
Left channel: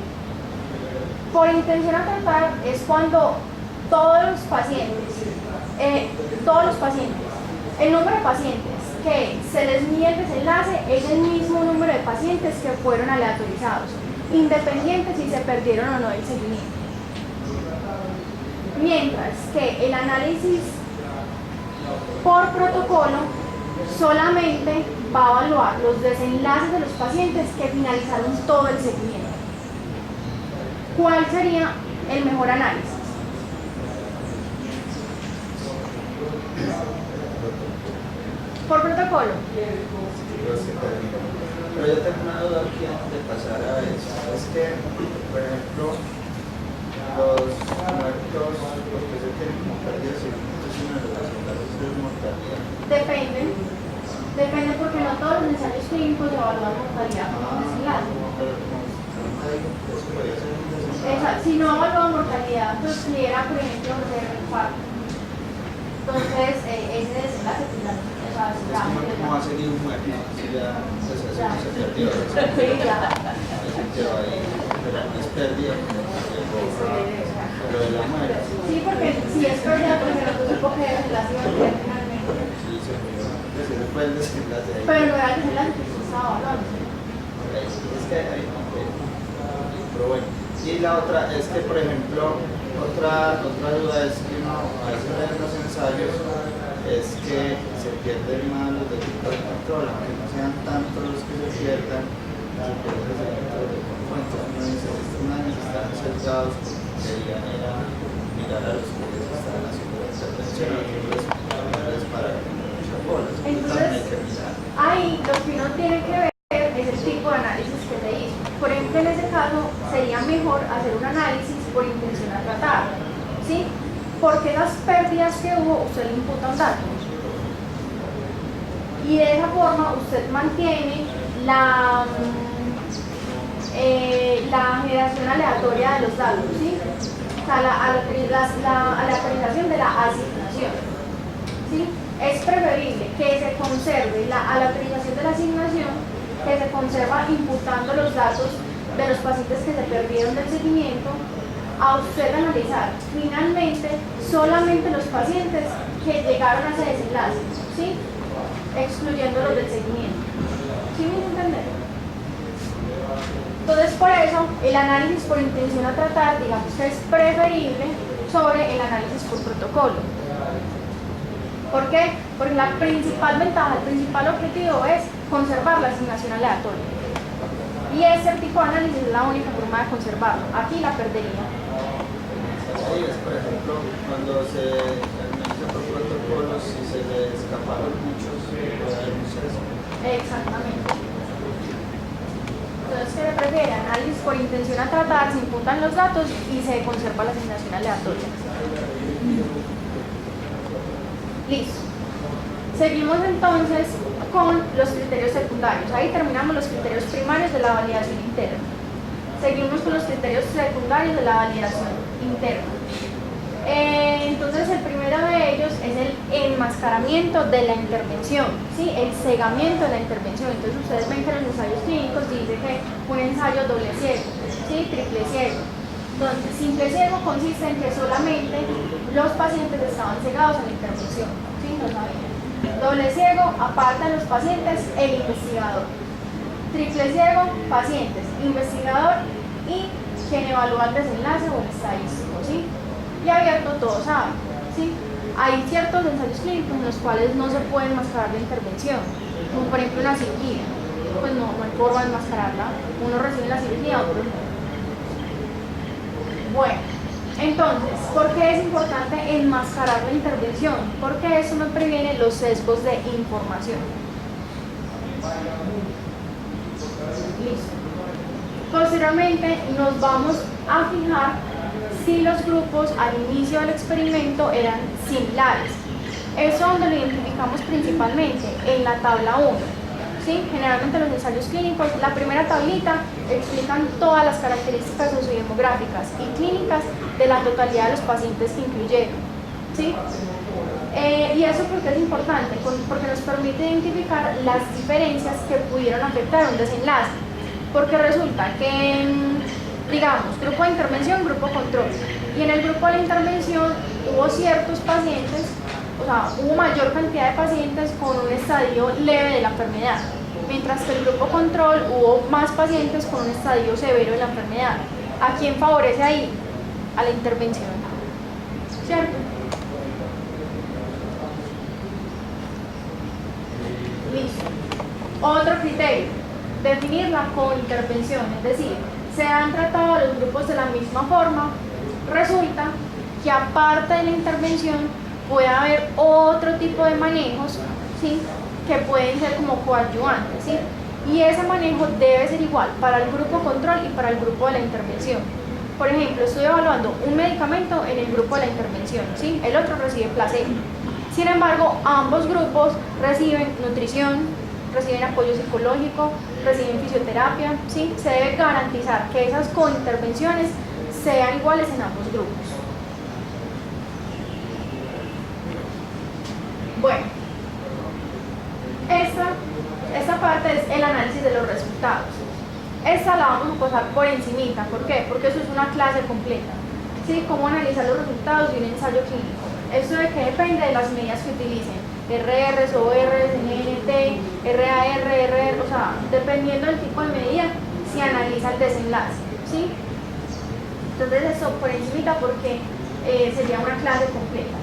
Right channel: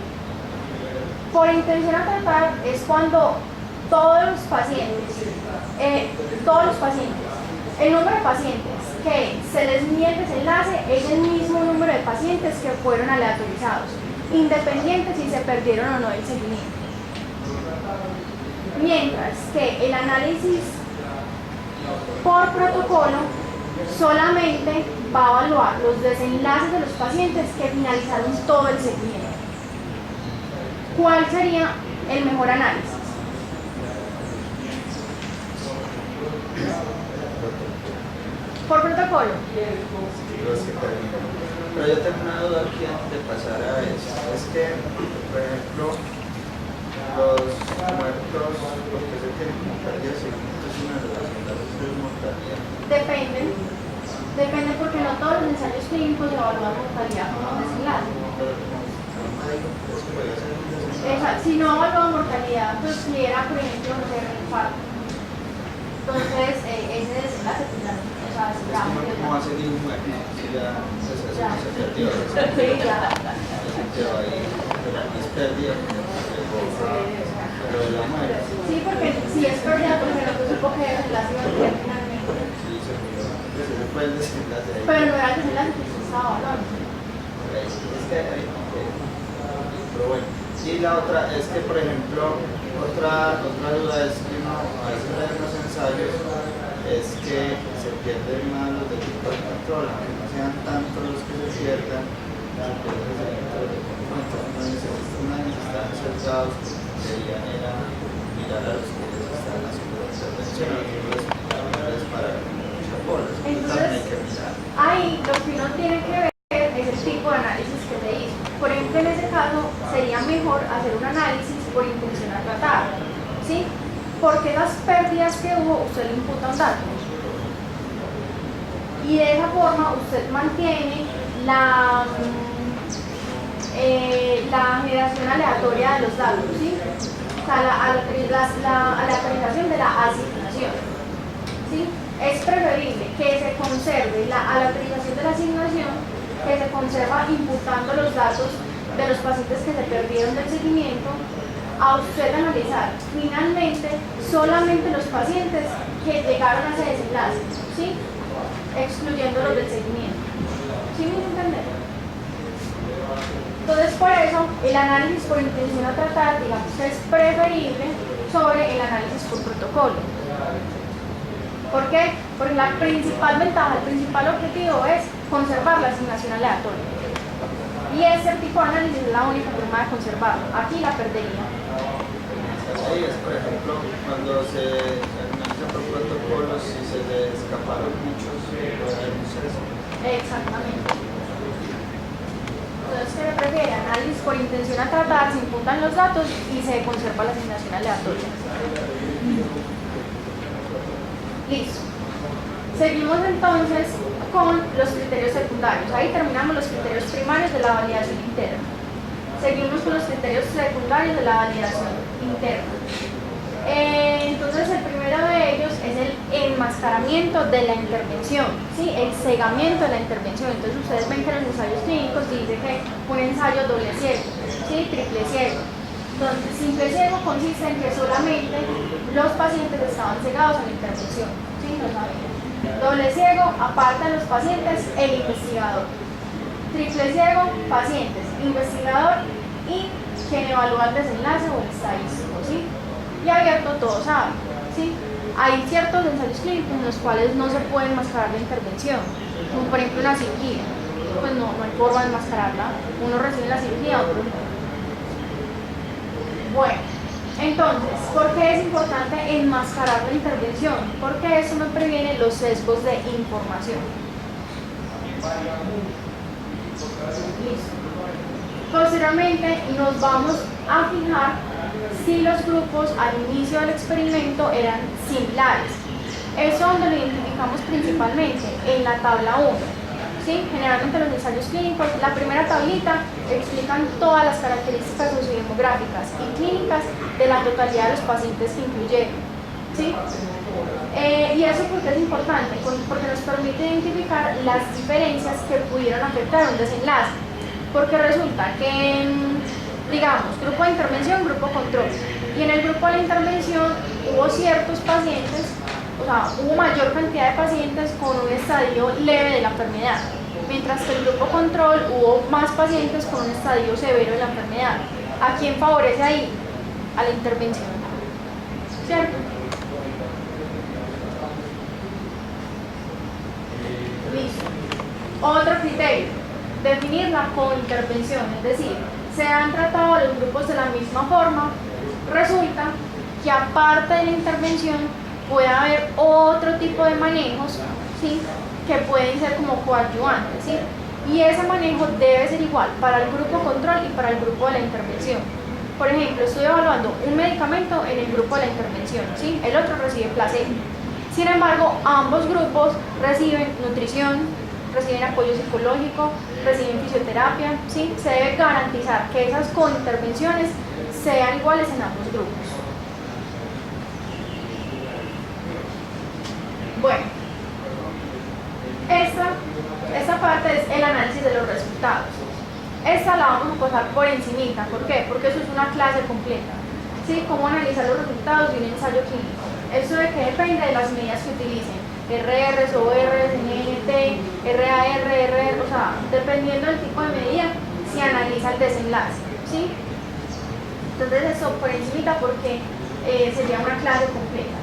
Por intención a tratar es cuando todos los pacientes, el número de pacientes que se les mide el desenlace es el mismo número de pacientes que fueron aleatorizados, independiente si se perdieron o no del seguimiento. Mientras que el análisis por protocolo solamente va a evaluar los desenlaces de los pacientes que finalizaron todo el seguimiento. ¿Cuál sería el mejor análisis? Por protocolo. Pero yo tengo una duda aquí antes de pasar a eso. Es que, por ejemplo, los muertos, porque se tienen como pérdidas seguimientos y una de las enlaces es mortalidad. Depende porque no todos los ensayos clínicos evalúan mortalidad como desenlace. Si no evalúa mortalidad, pues si era, por ejemplo, un infarto. Entonces, ese desenlace, ¿Cómo va a seguir un muerto? Si ya se perdió. Sí, ya. Se quedó ahí, pero no es pérdida, pero de la muerte. Sí, porque si es pérdida, porque nosotros fue el desenlace ahí. Pero no era el desenlace que usted estaba hablando. Es que hay pero bueno. Y la otra es que, por ejemplo, otra duda es que uno a veces en los ensayos es que se pierden más los del tipo de control, aunque no sean tantos los que se pierdan, se pierde ese control de conjunto. Estos manes están sesgados porque querían era mirar a los que les están haciendo la intervención, a los para mucha bola. Entonces, Hay que mirar. ahí lo que uno tiene que ver es el tipo de análisis que se hizo. Por ejemplo, en ese caso sería mejor hacer un análisis por intención a tratar, ¿sí? Porque las pérdidas que hubo, usted le imputa un dato. Y de esa forma usted mantiene la generación aleatoria de los datos, ¿sí? O sea, la aleatorización de la asignación, ¿sí? Es preferible que se conserve la aleatorización de la asignación, que se conserva imputando los datos de los pacientes que se perdieron del seguimiento, a usted analizar finalmente solamente los pacientes que llegaron a ese desenlace, ¿sí? Excluyendo los del seguimiento. ¿Sí me entienden? Entonces, por eso, el análisis por intención a tratar, digamos que es preferible sobre el análisis por protocolo. ¿Por qué? Porque la principal ventaja, el principal objetivo es conservar la asignación aleatoria. Y ese tipo de análisis es la única forma de conservarlo. Aquí la perdería. Ahí es, por ejemplo, cuando se analiza por protocolos, si se le escaparon muchos, puede haber un sesgo. Exactamente. Entonces, ¿qué le prefiere? Análisis por intención a tratar, se imputan los datos y se conserva la asignación aleatoria. Listo. Seguimos entonces con los criterios secundarios. Ahí terminamos los criterios primarios de la validación interna. Seguimos con los criterios secundarios de la validación interna. Entonces, el primero de ellos es el enmascaramiento de la intervención, ¿sí? El cegamiento de la intervención. Entonces, ustedes ven que en los ensayos clínicos dice que un ensayo doble ciego, ¿sí? Triple ciego. Entonces, simple ciego consiste en que solamente los pacientes estaban cegados a la intervención, ¿sí? No sabían. Doble ciego, aparte de los pacientes, el investigador. Triple ciego, pacientes, investigador y quien evalúa el desenlace o el estadístico, ¿sí? Y abierto, todos saben, ¿sí? Hay ciertos ensayos clínicos en los cuales no se puede enmascarar la intervención, como por ejemplo una cirugía. Pues no hay forma de enmascararla. Uno recibe la cirugía, otro no. Bueno, entonces, ¿por qué es importante enmascarar la intervención? Porque eso no previene los sesgos de información. Listo. Posteriormente nos vamos a fijar si los grupos al inicio del experimento eran similares. Eso donde lo identificamos principalmente en la tabla 1. ¿Sí? Generalmente los ensayos clínicos, la primera tablita explican todas las características sociodemográficas y clínicas de la totalidad de los pacientes que incluyeron. ¿Sí? Y eso porque es importante, porque nos permite identificar las diferencias que pudieron afectar un desenlace. Porque resulta que, digamos, grupo de intervención, grupo control. Y en el grupo de la intervención hubo ciertos pacientes, o sea, hubo mayor cantidad de pacientes con un estadio leve de la enfermedad, mientras que el grupo control hubo más pacientes con un estadio severo de la enfermedad. ¿A quién favorece ahí? A la intervención, ¿cierto? Listo. Otro criterio, definir la cointervención, es decir, se han tratado los grupos de la misma forma, resulta que aparte de la intervención puede haber otro tipo de manejos, ¿sí? Que pueden ser como coadyuvantes, ¿sí? Y ese manejo debe ser igual para el grupo control y para el grupo de la intervención. Por ejemplo, estoy evaluando un medicamento en el grupo de la intervención, ¿sí? El otro recibe placebo. Sin embargo, ambos grupos reciben nutrición, reciben apoyo psicológico, reciben fisioterapia, ¿sí? Se debe garantizar que esas cointervenciones sean iguales en ambos grupos. Bueno, esta parte es el análisis de los resultados. Esta la vamos a pasar por encimita. ¿Por qué? Porque eso es una clase completa. ¿Sí? Cómo analizar los resultados de un ensayo clínico. Esto de que depende de las medidas que utilicen. RRs, ORs, NNT, RAR, RR, o sea, dependiendo del tipo de medida, se analiza el desenlace, ¿sí? Entonces eso por encima porque sería una clase completa.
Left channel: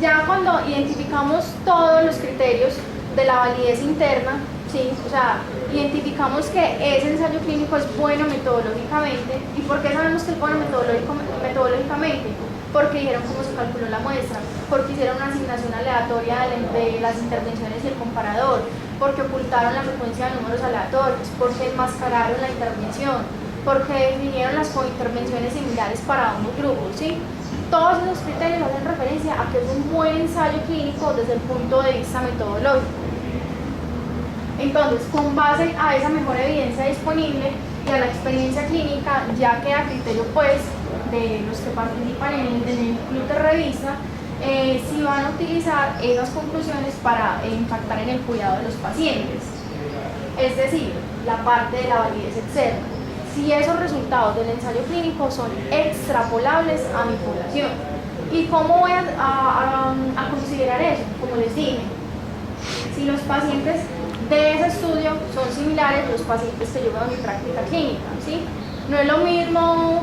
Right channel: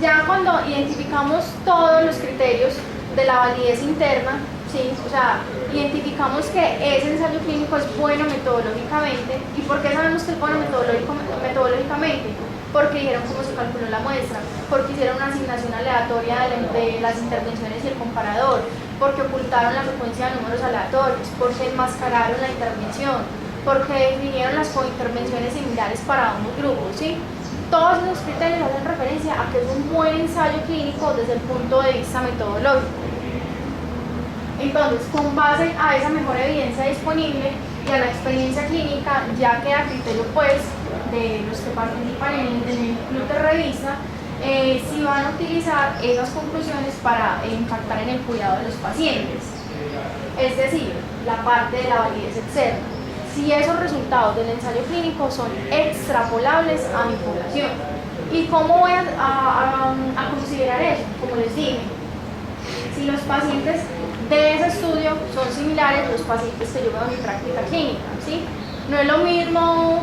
Ya cuando identificamos todos los criterios de la validez interna, ¿sí? O sea, identificamos que ese ensayo clínico es bueno metodológicamente. ¿Y por qué sabemos que es bueno metodológicamente? Porque dijeron cómo se calculó la muestra, porque hicieron una asignación aleatoria de las intervenciones y el comparador, porque ocultaron la frecuencia de números aleatorios, porque enmascararon la intervención, porque definieron las cointervenciones similares para ambos grupos, ¿sí? Todos esos criterios hacen referencia a que es un buen ensayo clínico desde el punto de vista metodológico. Entonces, con base a esa mejor evidencia disponible y a la experiencia clínica, ya queda criterio pues de los que participan en el club de revista si van a utilizar esas conclusiones para impactar en el cuidado de los pacientes. Es decir, la parte de la validez externa. Si esos resultados del ensayo clínico son extrapolables a mi población. ¿Y cómo voy a considerar eso? Como les dije, si los pacientes de ese estudio son similares a los pacientes que yo veo en mi práctica clínica, ¿sí? No es lo mismo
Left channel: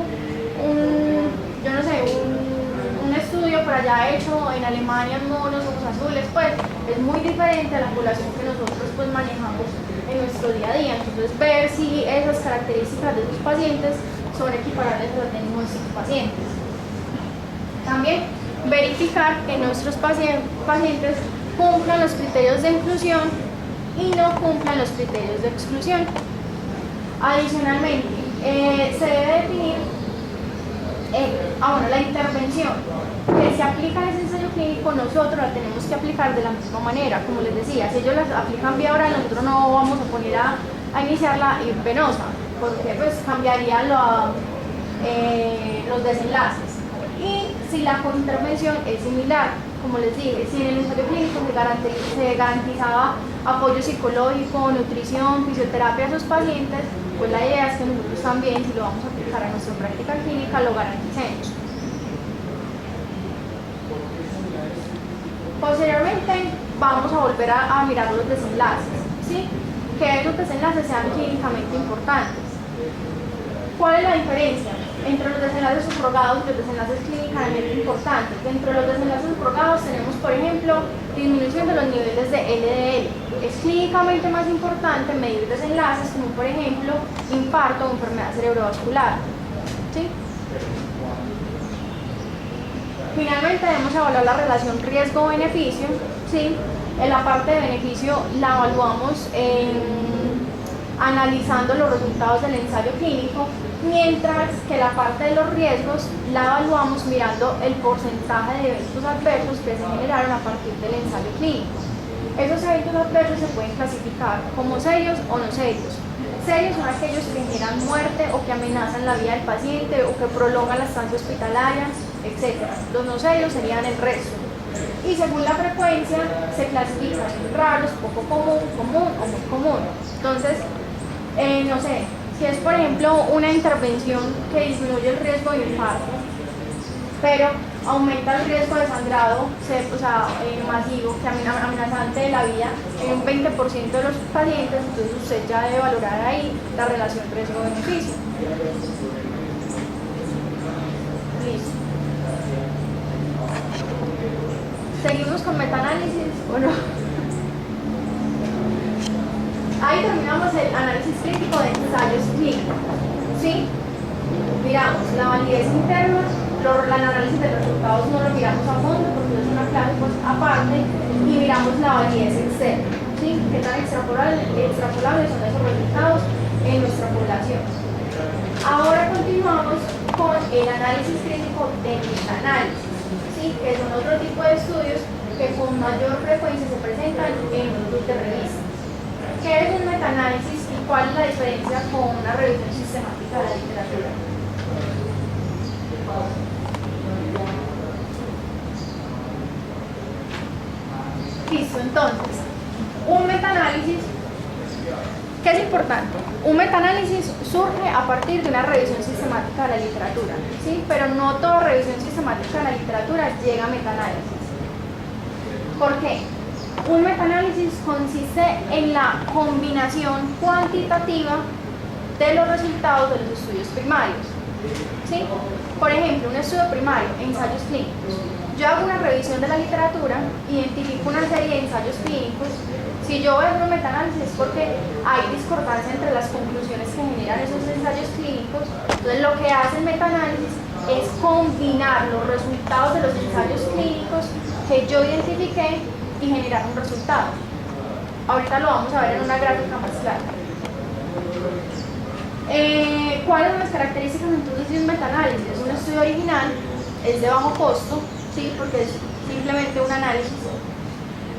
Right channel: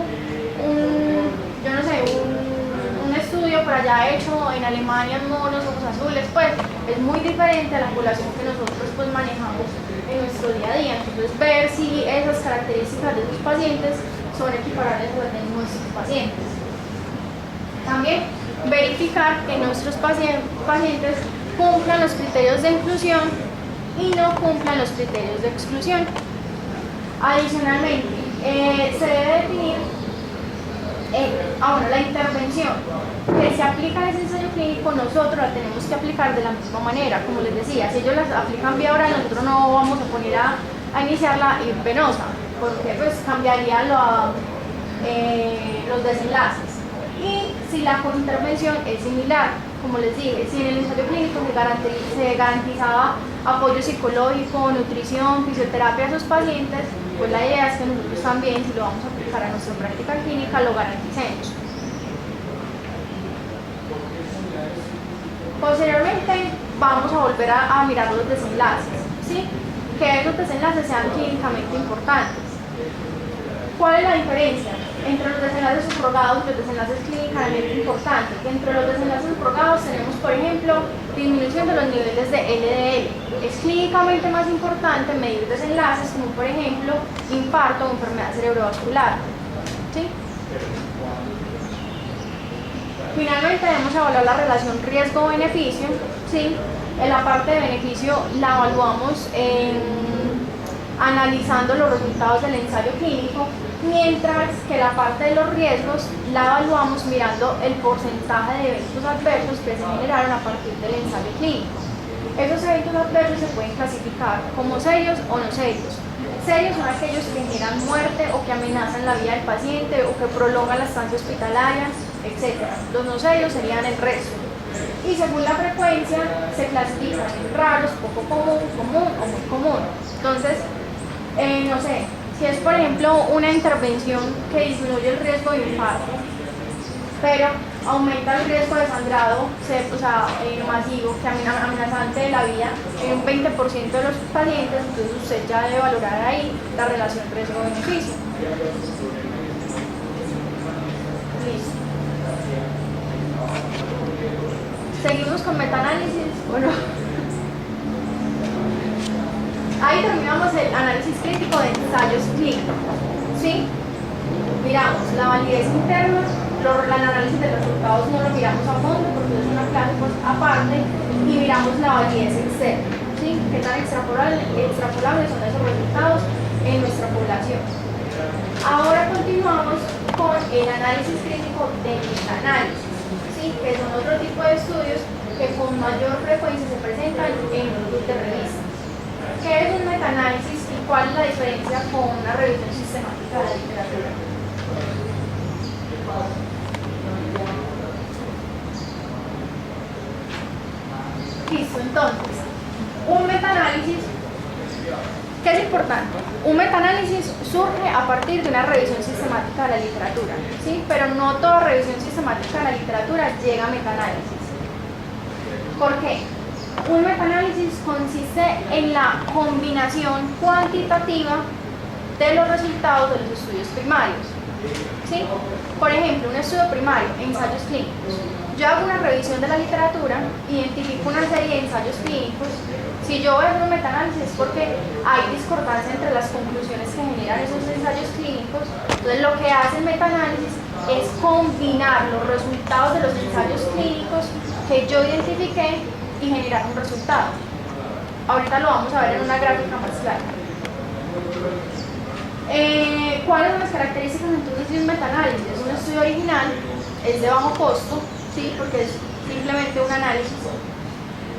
un estudio por allá hecho en Alemania en monos, ojos azules, pues es muy diferente a la población que nosotros pues manejamos en nuestro día a día. Entonces ver si esas características de sus pacientes son equiparables a las de nuestros pacientes. También verificar que nuestros pacientes cumplan los criterios de inclusión y no cumplan los criterios de exclusión. Adicionalmente, se debe definir la intervención que se aplica en ese ensayo clínico, nosotros la tenemos que aplicar de la misma manera. Como les decía, si ellos la aplican vía oral, nosotros no vamos a poner a iniciarla venosa, porque pues cambiaría los desenlaces. Y si la intervención es similar, como les dije, si en el ensayo clínico se garantizaba apoyo psicológico, nutrición, fisioterapia a sus pacientes, pues la idea es que nosotros también, si lo vamos a aplicar a nuestra práctica clínica, lo garanticemos. Posteriormente vamos a volver a mirar los desenlaces, ¿sí? Que esos desenlaces sean clínicamente importantes. ¿Cuál es la diferencia entre los desenlaces subrogados y los desenlaces clínicamente importantes? Dentro de los desenlaces subrogados tenemos, por ejemplo, disminución de los niveles de LDL. Es clínicamente más importante medir desenlaces como, por ejemplo, infarto o enfermedad cerebrovascular, ¿sí? Finalmente debemos evaluar la relación riesgo-beneficio, ¿sí? En la parte de beneficio la evaluamos analizando los resultados del ensayo clínico, mientras que la parte de los riesgos la evaluamos mirando el porcentaje de eventos adversos que se generaron a partir del ensayo clínico. Esos eventos adversos se pueden clasificar como serios o no serios. Serios son aquellos que generan muerte o que amenazan la vida del paciente o que prolongan la estancia hospitalaria, etc. Los no serios serían el resto. Y según la frecuencia se clasifican raros, poco común, común o muy común. Entonces, no sé, si es por ejemplo una intervención que disminuye el riesgo de infarto, pero aumenta el riesgo de sangrado masivo, que amenazante de la vida en un 20% de los pacientes, entonces usted ya debe valorar ahí la relación riesgo-beneficio. Listo. Seguimos con metaanálisis, ¿o no? Ahí terminamos el análisis crítico de ensayos clínicos, ¿sí? Miramos la validez interna, el análisis de resultados no lo miramos a fondo porque es una clase pues, aparte, y miramos la validez externa, ¿sí? ¿Qué tan extrapolables son esos resultados en nuestra población? Ahora continuamos con el análisis crítico de metaanálisis, ¿sí? Que son otro tipo de estudios que con mayor frecuencia se presentan en los grupos de revistas. ¿Qué es un metaanálisis y cuál es la diferencia con una revisión sistemática de la literatura? Listo, entonces, un metaanálisis, ¿qué es importante? Un metaanálisis surge a partir de una revisión sistemática de la literatura, ¿sí? Pero no toda revisión sistemática de la literatura llega a metaanálisis. ¿Por qué? Un metaanálisis consiste en la combinación cuantitativa de los resultados de los estudios primarios. ¿Sí? Por ejemplo, un estudio primario, ensayos clínicos. Yo hago una revisión de la literatura, identifico una serie de ensayos clínicos. Si yo voy a hacer un metaanálisis es porque hay discordancia entre las conclusiones que generan esos ensayos clínicos. Entonces lo que hace el metaanálisis es combinar los resultados de los ensayos clínicos que yo identifiqué y generar un resultado. Ahorita lo vamos a ver en una gráfica más clara. ¿Cuáles son las características entonces de un metaanálisis? Un estudio original es de bajo costo, ¿sí? Porque es simplemente un análisis.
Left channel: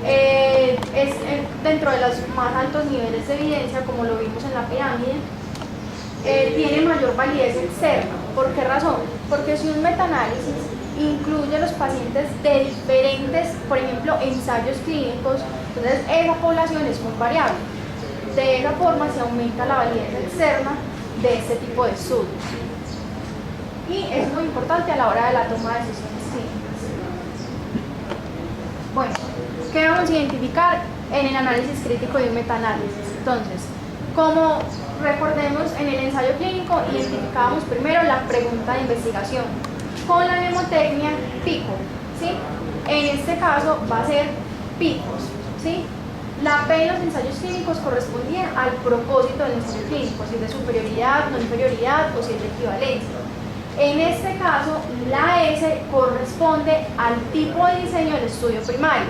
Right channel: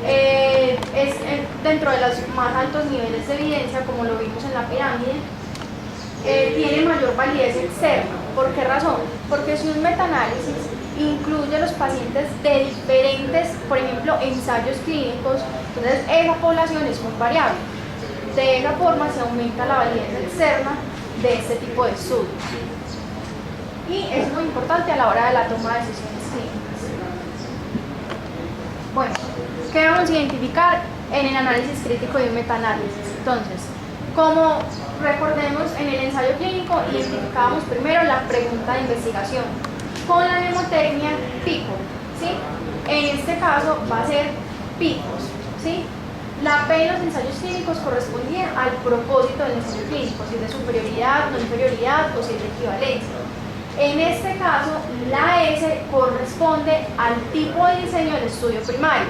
Es dentro de los más altos niveles de evidencia, como lo vimos en la pirámide. Tiene mayor validez externa. ¿Por qué razón? Porque si un metaanálisis incluye a los pacientes de diferentes, por ejemplo, ensayos clínicos, entonces esa población es muy variable. De esa forma se aumenta la validez externa de este tipo de estudios. Y es muy importante a la hora de la toma de decisiones clínicas. Bueno, ¿qué vamos a identificar en el análisis crítico de un metaanálisis? Entonces, como recordemos, en el ensayo clínico identificábamos primero la pregunta de investigación con la mnemotecnia pico, ¿sí? En este caso va a ser picos, ¿sí? La P en los ensayos clínicos correspondía al propósito del ensayo clínico, si es de superioridad, no inferioridad o si es de equivalencia. En este caso, la S corresponde al tipo de diseño del estudio primario.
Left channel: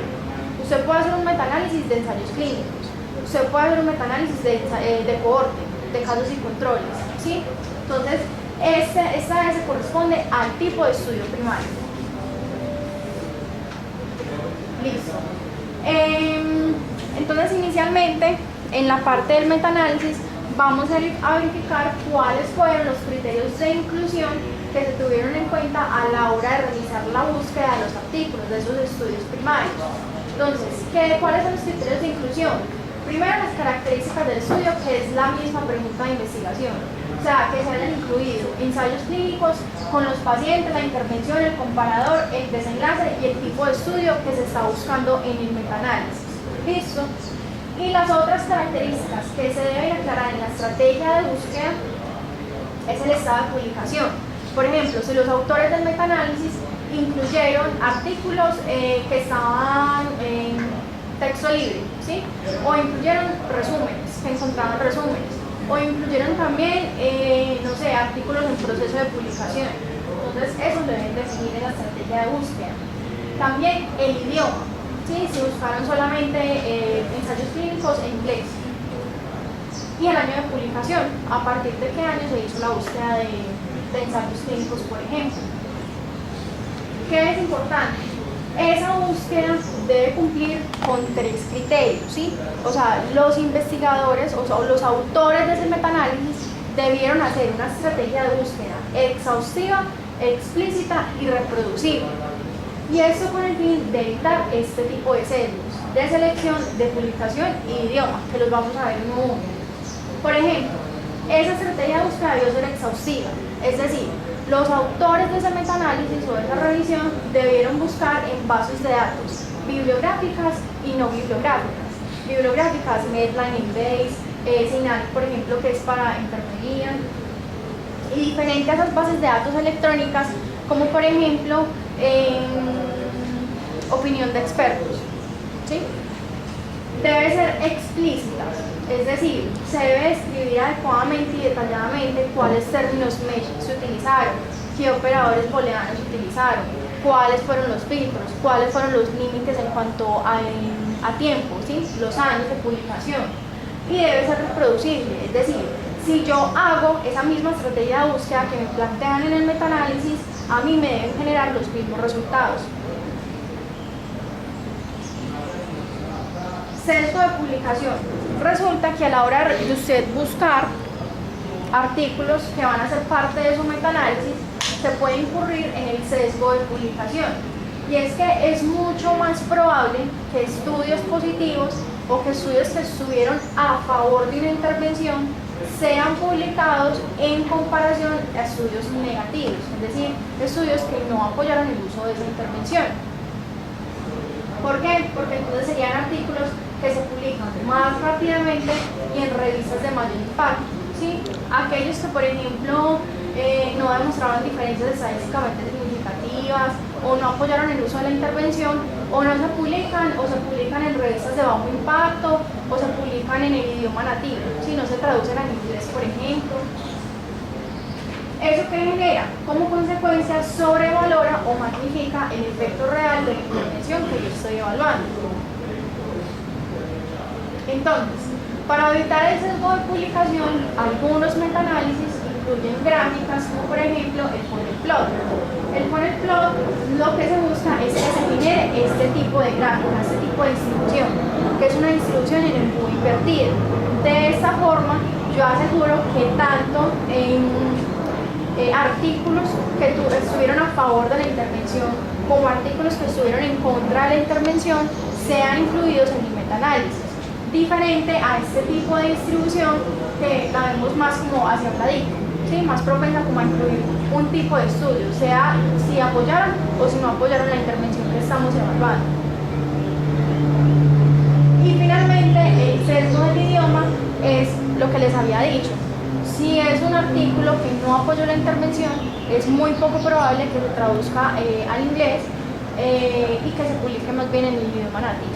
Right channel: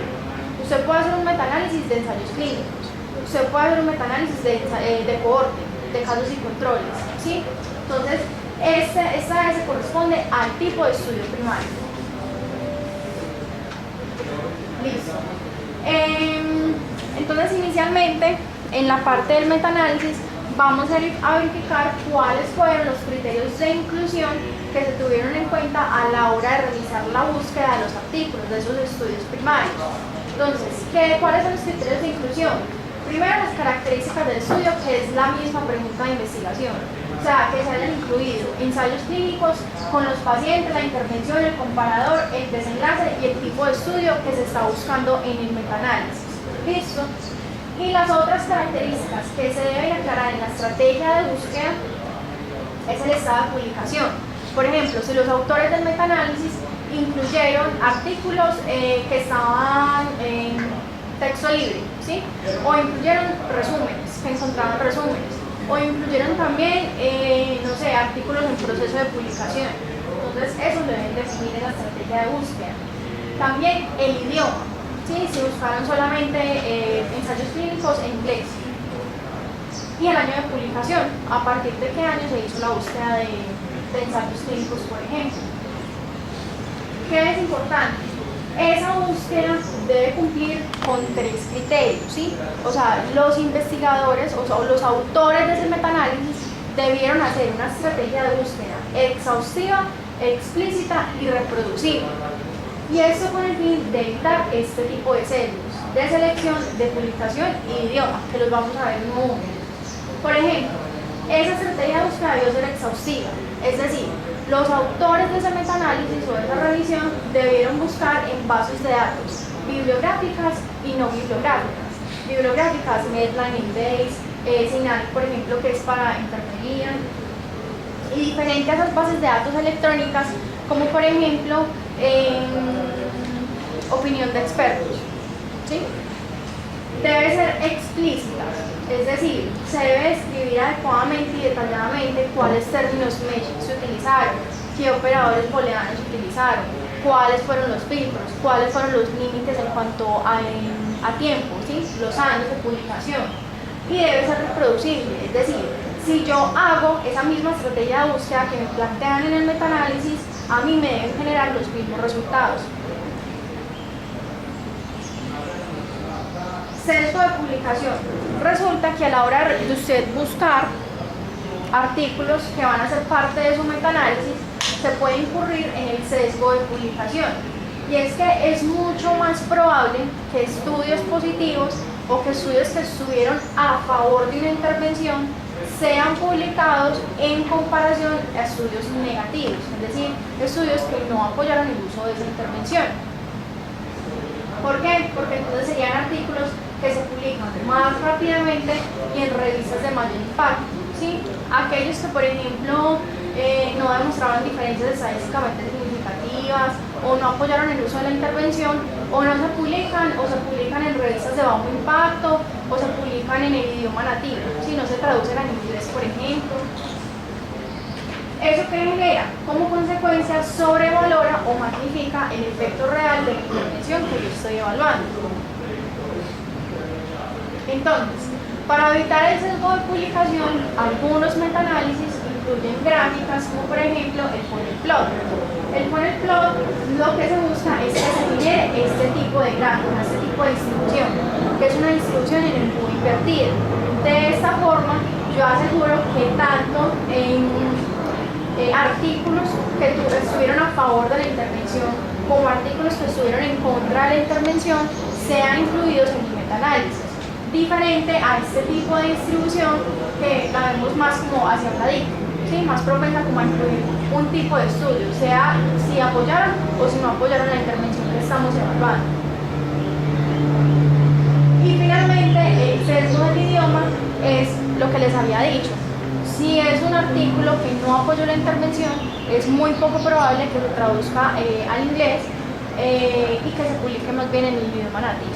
Usted puede hacer un metaanálisis de ensayos clínicos, usted puede hacer un metaanálisis de cohorte, de casos y controles, ¿sí? Entonces, esta S corresponde al tipo de estudio primario. Listo. Entonces, inicialmente, en la parte del metaanálisis, vamos a verificar cuáles fueron los criterios de inclusión que se tuvieron en cuenta a la hora de realizar la búsqueda de los artículos, de esos estudios primarios. Entonces, ¿cuáles son los criterios de inclusión? Primero, las características del estudio, que es la misma pregunta de investigación. O sea, que se hayan incluido ensayos clínicos con los pacientes, la intervención, el comparador, el desenlace y el tipo de estudio que se está buscando en el metaanálisis. ¿Listo? Y las otras características que se deben aclarar en la estrategia de búsqueda es el estado de publicación. Por ejemplo, si los autores del metaanálisis incluyeron artículos que estaban en texto libre, ¿sí? O incluyeron resúmenes, que encontraban resúmenes, o incluyeron también, no sé, artículos en proceso de publicación. Entonces, eso lo deben definir en la estrategia de búsqueda. También el idioma, ¿sí? Si buscaron solamente ensayos clínicos en inglés. Y el año de publicación, a partir de qué año se hizo la búsqueda de ensayos clínicos, por ejemplo. ¿Qué es importante? Esa búsqueda debe cumplir con 3 criterios, ¿sí? O sea, los investigadores o los autores de ese metaanálisis debieron hacer una estrategia de búsqueda exhaustiva, explícita y reproducible. Y esto con el fin de evitar este tipo de sesgos de selección, de publicación y idioma, que los vamos a ver en un momento. Por ejemplo, esa estrategia de búsqueda debió ser exhaustiva, es decir, los autores de ese metaanálisis o de esa revisión debieron buscar en bases de datos bibliográficas y no bibliográficas. Bibliográficas, Medline, Embase, SINAC, por ejemplo, que es para enfermería, y diferente a esas bases de datos electrónicas, como por ejemplo, opinión de expertos, ¿sí? Debe ser explícita, es decir, se debe describir adecuadamente y detalladamente cuáles términos mesh se utilizaron, qué operadores booleanos se utilizaron, cuáles fueron los filtros, cuáles fueron los límites en cuanto a tiempo, ¿sí? Los años de publicación, y debe ser reproducible, es decir, si yo hago esa misma estrategia de búsqueda que me plantean en el metaanálisis, a mí me deben generar los mismos resultados. Sesgo de publicación. Resulta que a la hora de usted buscar artículos que van a ser parte de su metaanálisis, se puede incurrir en el sesgo de publicación. Y es que es mucho más probable que estudios positivos o que estudios que estuvieron a favor de una intervención sean publicados en comparación a estudios negativos, es decir, estudios que no apoyaron el uso de esa intervención. ¿Por qué? Porque entonces serían artículos que se publican más rápidamente y en revistas de mayor impacto, ¿sí? Aquellos que, por ejemplo, no demostraron diferencias estadísticamente significativas o no apoyaron el uso de la intervención, o no se publican o se publican en revistas de bajo impacto o se publican en el idioma nativo, si no se traducen al inglés, por ejemplo. ¿Eso qué genera? Como consecuencia sobrevalora o magnifica el efecto real de la intervención que yo estoy evaluando. Entonces, para evitar el sesgo de publicación, algunos metaanálisis incluyen gráficas como por ejemplo el funnel plot. El funnel plot lo que se busca es que se genere este tipo de gráfica, este tipo de distribución, que es una distribución en embudo invertido. De esta forma, yo aseguro que tanto en artículos que estuvieron a favor de la intervención como artículos que estuvieron en contra de la intervención sean incluidos en mi metaanálisis, diferente a este tipo de distribución que la vemos más como hacia un ladito, ¿sí? Más propensa como a incluir un tipo de estudio, sea si apoyaron o si no apoyaron la intervención que estamos evaluando. Y finalmente, el sesgo del idioma es lo que les había dicho. Si es un artículo que no apoyó la intervención, es muy poco probable que se traduzca al inglés y que se publique más bien en el idioma nativo.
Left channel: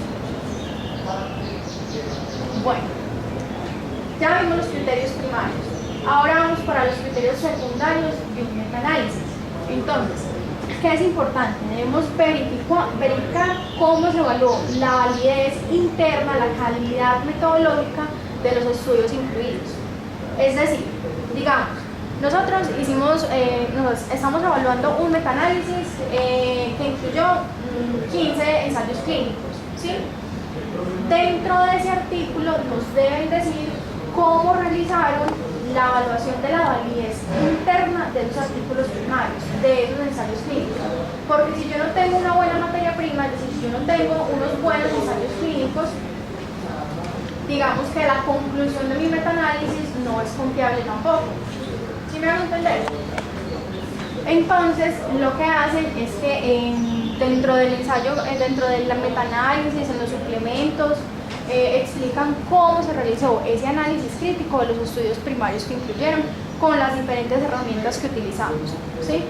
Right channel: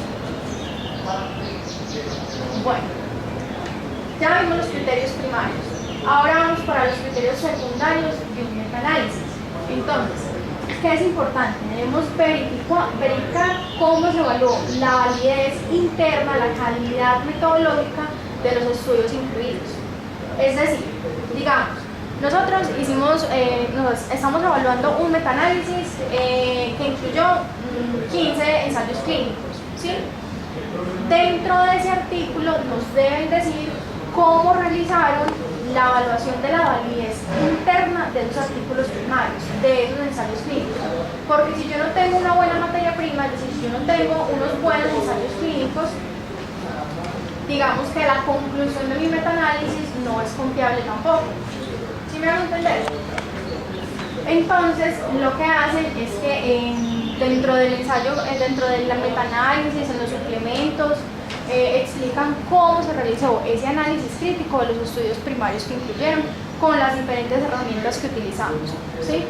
Bueno, ya vimos los criterios primarios. Ahora vamos para los criterios secundarios de un metaanálisis. Entonces, ¿qué es importante? Debemos verificar cómo se evaluó la validez interna, la calidad metodológica de los estudios incluidos. Es decir, digamos, nosotros estamos evaluando un metaanálisis que incluyó 15 ensayos clínicos, ¿sí? Dentro de ese artículo nos deben decir cómo realizaron la evaluación de la validez interna de esos artículos primarios, de esos ensayos clínicos. Porque si yo no tengo una buena materia prima, es decir, si yo no tengo unos buenos ensayos clínicos, digamos que la conclusión de mi metaanálisis no es confiable tampoco. ¿Sí me van a entender? Entonces, lo que hacen es que dentro del ensayo, dentro del metaanálisis, en los suplementos, explican cómo se realizó ese análisis crítico de los estudios primarios que incluyeron con las diferentes herramientas que utilizamos, ¿sí?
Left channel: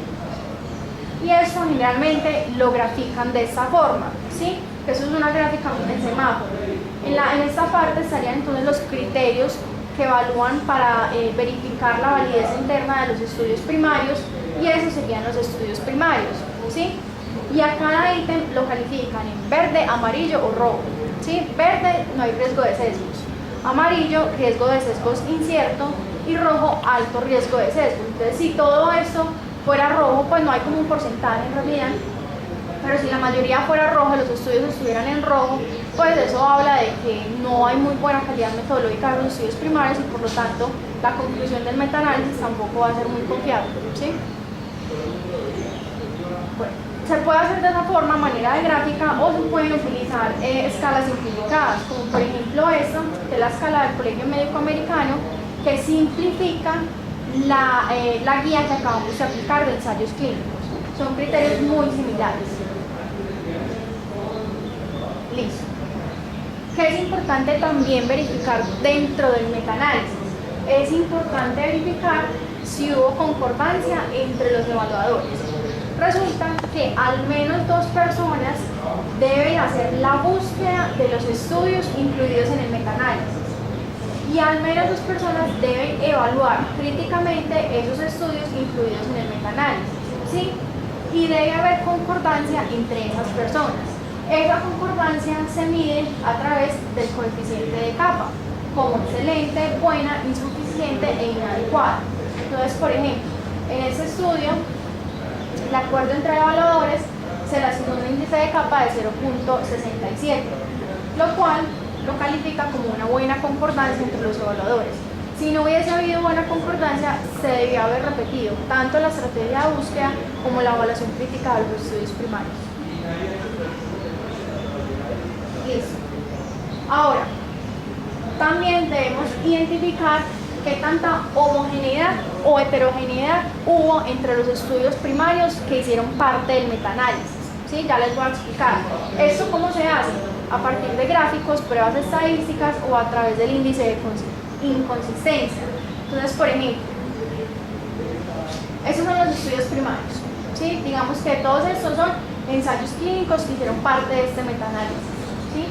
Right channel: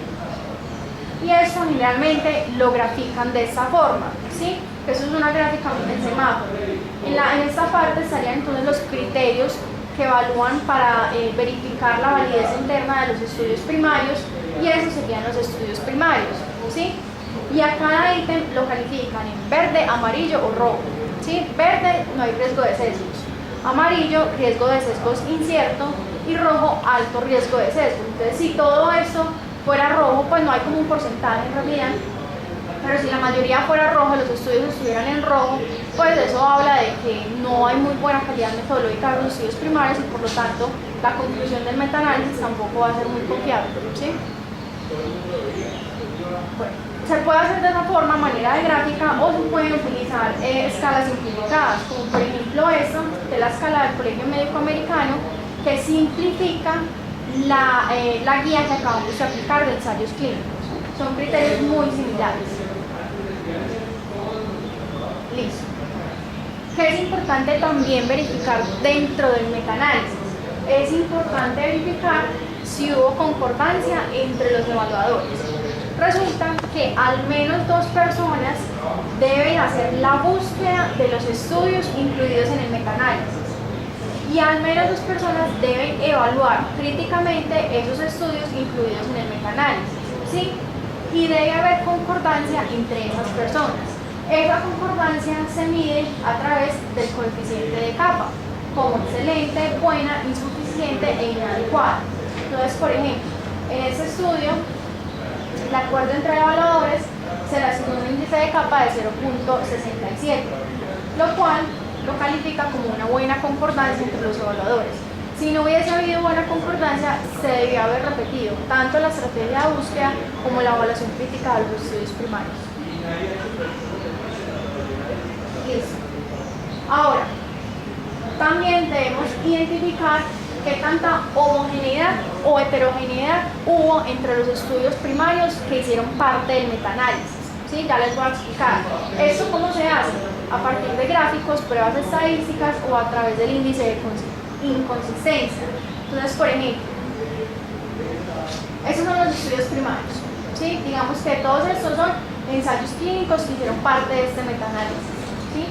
Y eso generalmente lo grafican de esta forma, ¿sí? Que eso es una gráfica en semáforo. En esta parte estarían entonces los criterios que evalúan para verificar la validez interna de los estudios primarios, y esos serían los estudios primarios, ¿sí? Y a cada ítem lo califican en verde, amarillo o rojo, ¿sí? Verde, no hay riesgo de sesgos; amarillo, riesgo de sesgos incierto; y rojo, alto riesgo de sesgo. Entonces, si todo esto fuera rojo, pues no hay como un porcentaje en realidad, pero si la mayoría fuera rojo, los estudios estuvieran en rojo, pues eso habla de que no hay muy buena calidad metodológica de los estudios primarios, y por lo tanto la conclusión del metaanálisis tampoco va a ser muy confiable, ¿sí? Bueno, se puede hacer de esa forma, manera de gráfica, o se pueden utilizar escalas simplificadas, como por ejemplo esta, de la escala del Colegio Médico Americano, que simplifica la guía que acabamos de aplicar de ensayos clínicos. Son criterios muy similares. Listo. ¿Qué es importante también verificar dentro del metaanálisis? Es importante verificar si hubo concordancia entre los evaluadores. Resulta que al menos 2 personas deben hacer la búsqueda de los estudios incluidos en el metaanálisis, y al menos 2 personas deben evaluar críticamente esos estudios incluidos en el metaanálisis, ¿sí? Y debe haber concordancia entre esas personas. Esa concordancia se mide a través del coeficiente de capa, como excelente, buena, insuficiente e inadecuada. Entonces, por ejemplo, en este estudio, el acuerdo entre evaluadores se le asignó un índice de capa de 0.67, lo cual lo califica como una buena concordancia entre los evaluadores. Si no hubiese habido buena concordancia, se debió haber repetido tanto la estrategia de búsqueda como la evaluación crítica de los estudios primarios. Listo. Ahora, también debemos identificar qué tanta homogeneidad o heterogeneidad hubo entre los estudios primarios que hicieron parte del metaanálisis, ¿sí? Ya les voy a explicar. ¿Esto cómo se hace? A partir de gráficos, pruebas estadísticas o a través del índice de inconsistencia. Entonces, por ejemplo, esos son los estudios primarios, ¿sí? Digamos que todos estos son ensayos clínicos que hicieron parte de este metaanálisis, ¿sí?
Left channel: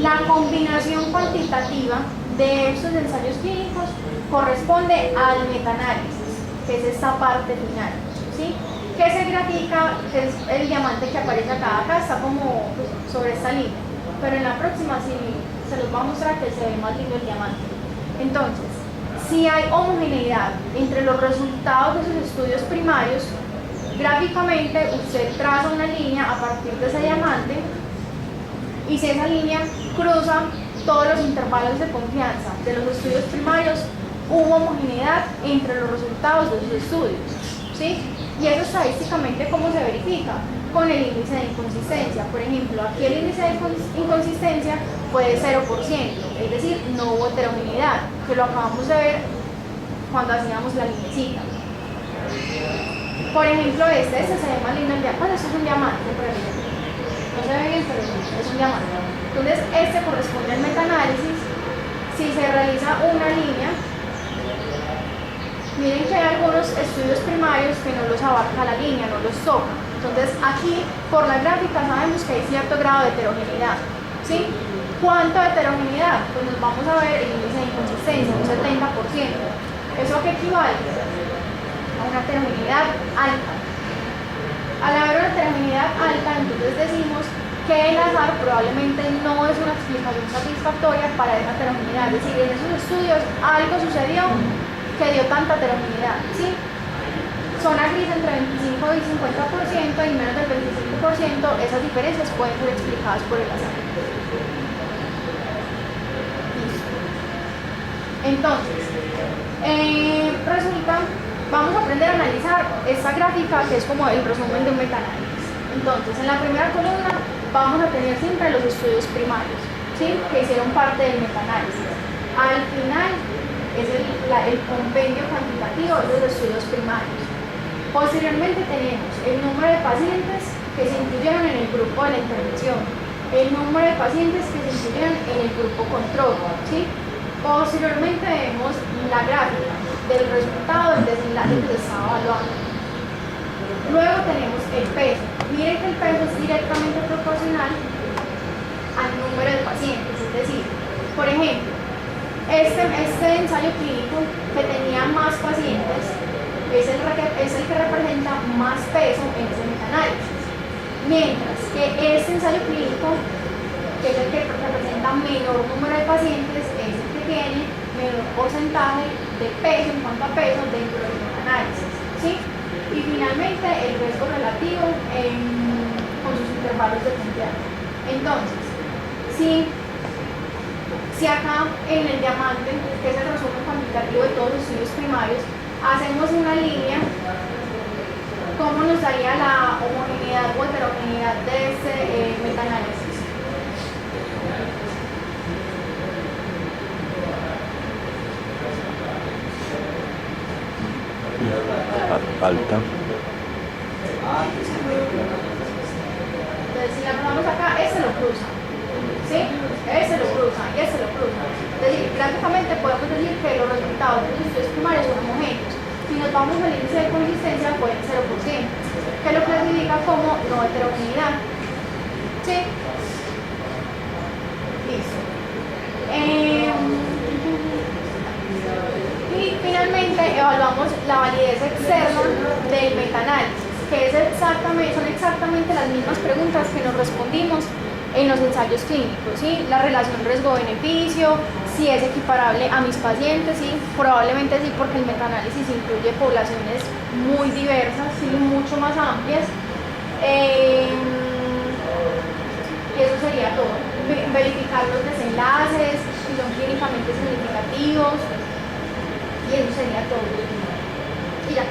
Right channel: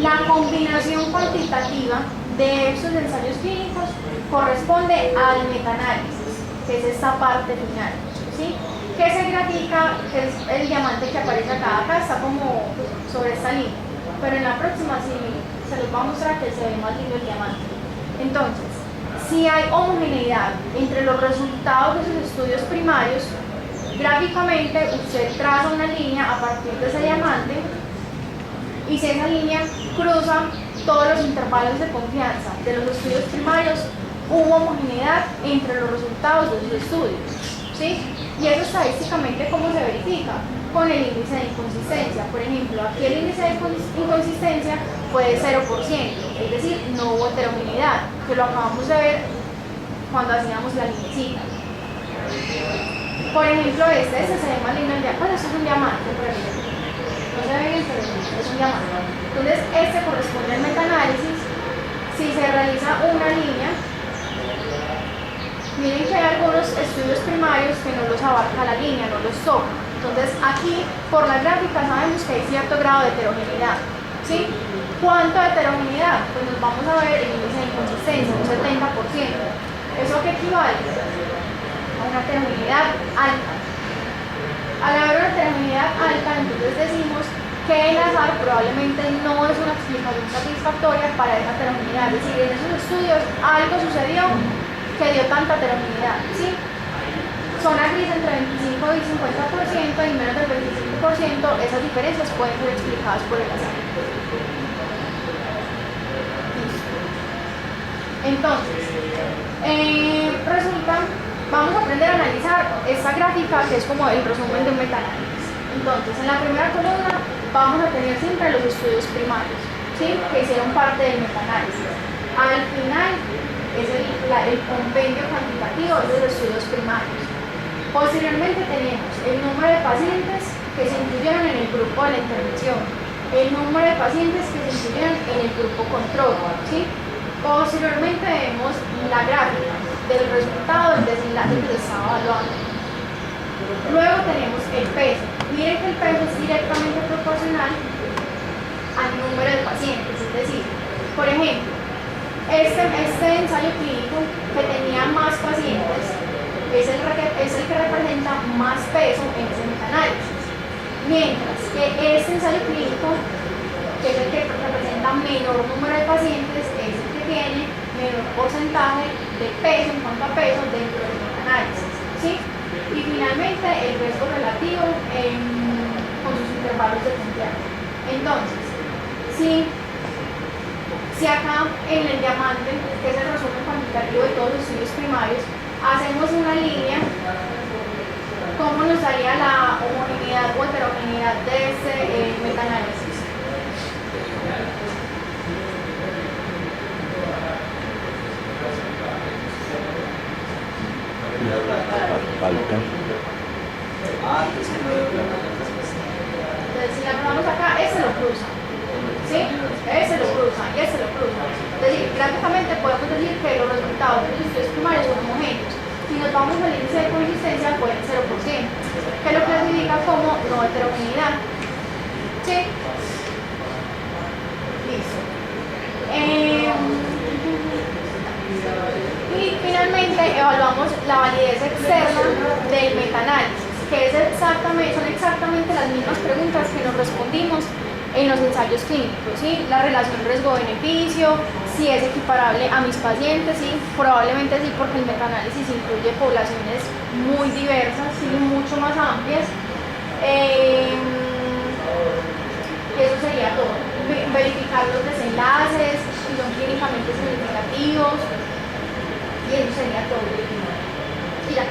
La combinación cuantitativa de estos ensayos clínicos corresponde al metaanálisis, que es esta parte final, ¿sí? Que se grafica, que es el diamante que aparece acá está como sobre esta línea, pero en la próxima sí se los va a mostrar que se ve más lindo el diamante. Entonces, si hay homogeneidad entre los resultados de esos estudios primarios, gráficamente usted traza una línea a partir de ese diamante y si esa línea cruza todos los intervalos de confianza de los estudios primarios, hubo homogeneidad entre los resultados de esos estudios, ¿sí? Y eso estadísticamente, ¿cómo se verifica? Con el índice de inconsistencia. Por ejemplo, aquí el índice de inconsistencia fue de 0%, es decir, no hubo heterogeneidad, que lo acabamos de ver cuando hacíamos la linecita. Por ejemplo, este se ve más lindo el diamante. Bueno, esto es un diamante, por ejemplo. No se ve bien, pero es un diamante. Entonces, este corresponde al metaanálisis. Si se realiza una línea, miren que hay algunos estudios primarios que no los abarca la línea, no los toca. Entonces, aquí, por la gráfica, sabemos que hay cierto grado de heterogeneidad, ¿sí? ¿Cuánto de heterogeneidad? Pues nos vamos a ver el índice de inconsistencia, un 70%. ¿Eso qué equivale? A una heterogeneidad alta. Al haber una heterogeneidad alta, entonces decimos que el azar probablemente no es una explicación satisfactoria para esa heterogeneidad. Es decir, en esos estudios algo sucedió que dio tanta heterogeneidad, ¿sí? Zona gris entre 25 y 50% y menos del 25%, esas diferencias pueden ser explicadas por el azar. Listo. Entonces, resulta, vamos a aprender a analizar esta gráfica que es como el resumen de un metaanálisis. Entonces, en la primera columna vamos a tener siempre los estudios primarios, ¿sí? Que hicieron parte del metaanálisis. Al final es el compendio cuantitativo de los estudios primarios. Posteriormente tenemos el número de pacientes que se incluyeron en el grupo de la intervención, el número de pacientes que se incluyeron en el grupo control, ¿sí? Posteriormente vemos la gráfica del resultado del desenlace que se está evaluando. Luego tenemos el peso. Miren que el peso es directamente proporcional al número de pacientes, es decir, por ejemplo, este ensayo clínico que tenía más pacientes es el que representa más peso en ese metaanálisis, mientras que este ensayo clínico, que es el que representa menor número de pacientes, es el que tiene menor porcentaje de peso en cuanto a peso dentro del metaanálisis, ¿sí? Y finalmente el riesgo relativo con sus intervalos de confianza. Entonces, si acá en el diamante, que es el resumen cuantitativo de todos los estudios primarios, hacemos una línea, ¿cómo nos daría la homogeneidad o heterogeneidad de este metaanálisis? Falta. Entonces, si la ponemos acá, ese lo cruza, ¿sí? Ese lo cruza y ese lo cruza. Es decir, prácticamente podemos decir que los resultados de los estudios primarios son homogéneos. Si nos vamos al índice de consistencia, pueden 0%, que lo clasifica como no heterogeneidad. ¿Sí? Listo. Y finalmente evaluamos la validez externa del metaanálisis, que son exactamente las mismas preguntas que nos respondimos en los ensayos clínicos, ¿sí? La relación riesgo-beneficio, si es equiparable a mis pacientes, ¿sí? Probablemente sí, porque el metaanálisis incluye poblaciones muy diversas, ¿sí? Mucho más amplias. Eso sería todo. Verificar los desenlaces, si son clínicamente significativos, y eso sería todo. Y ya.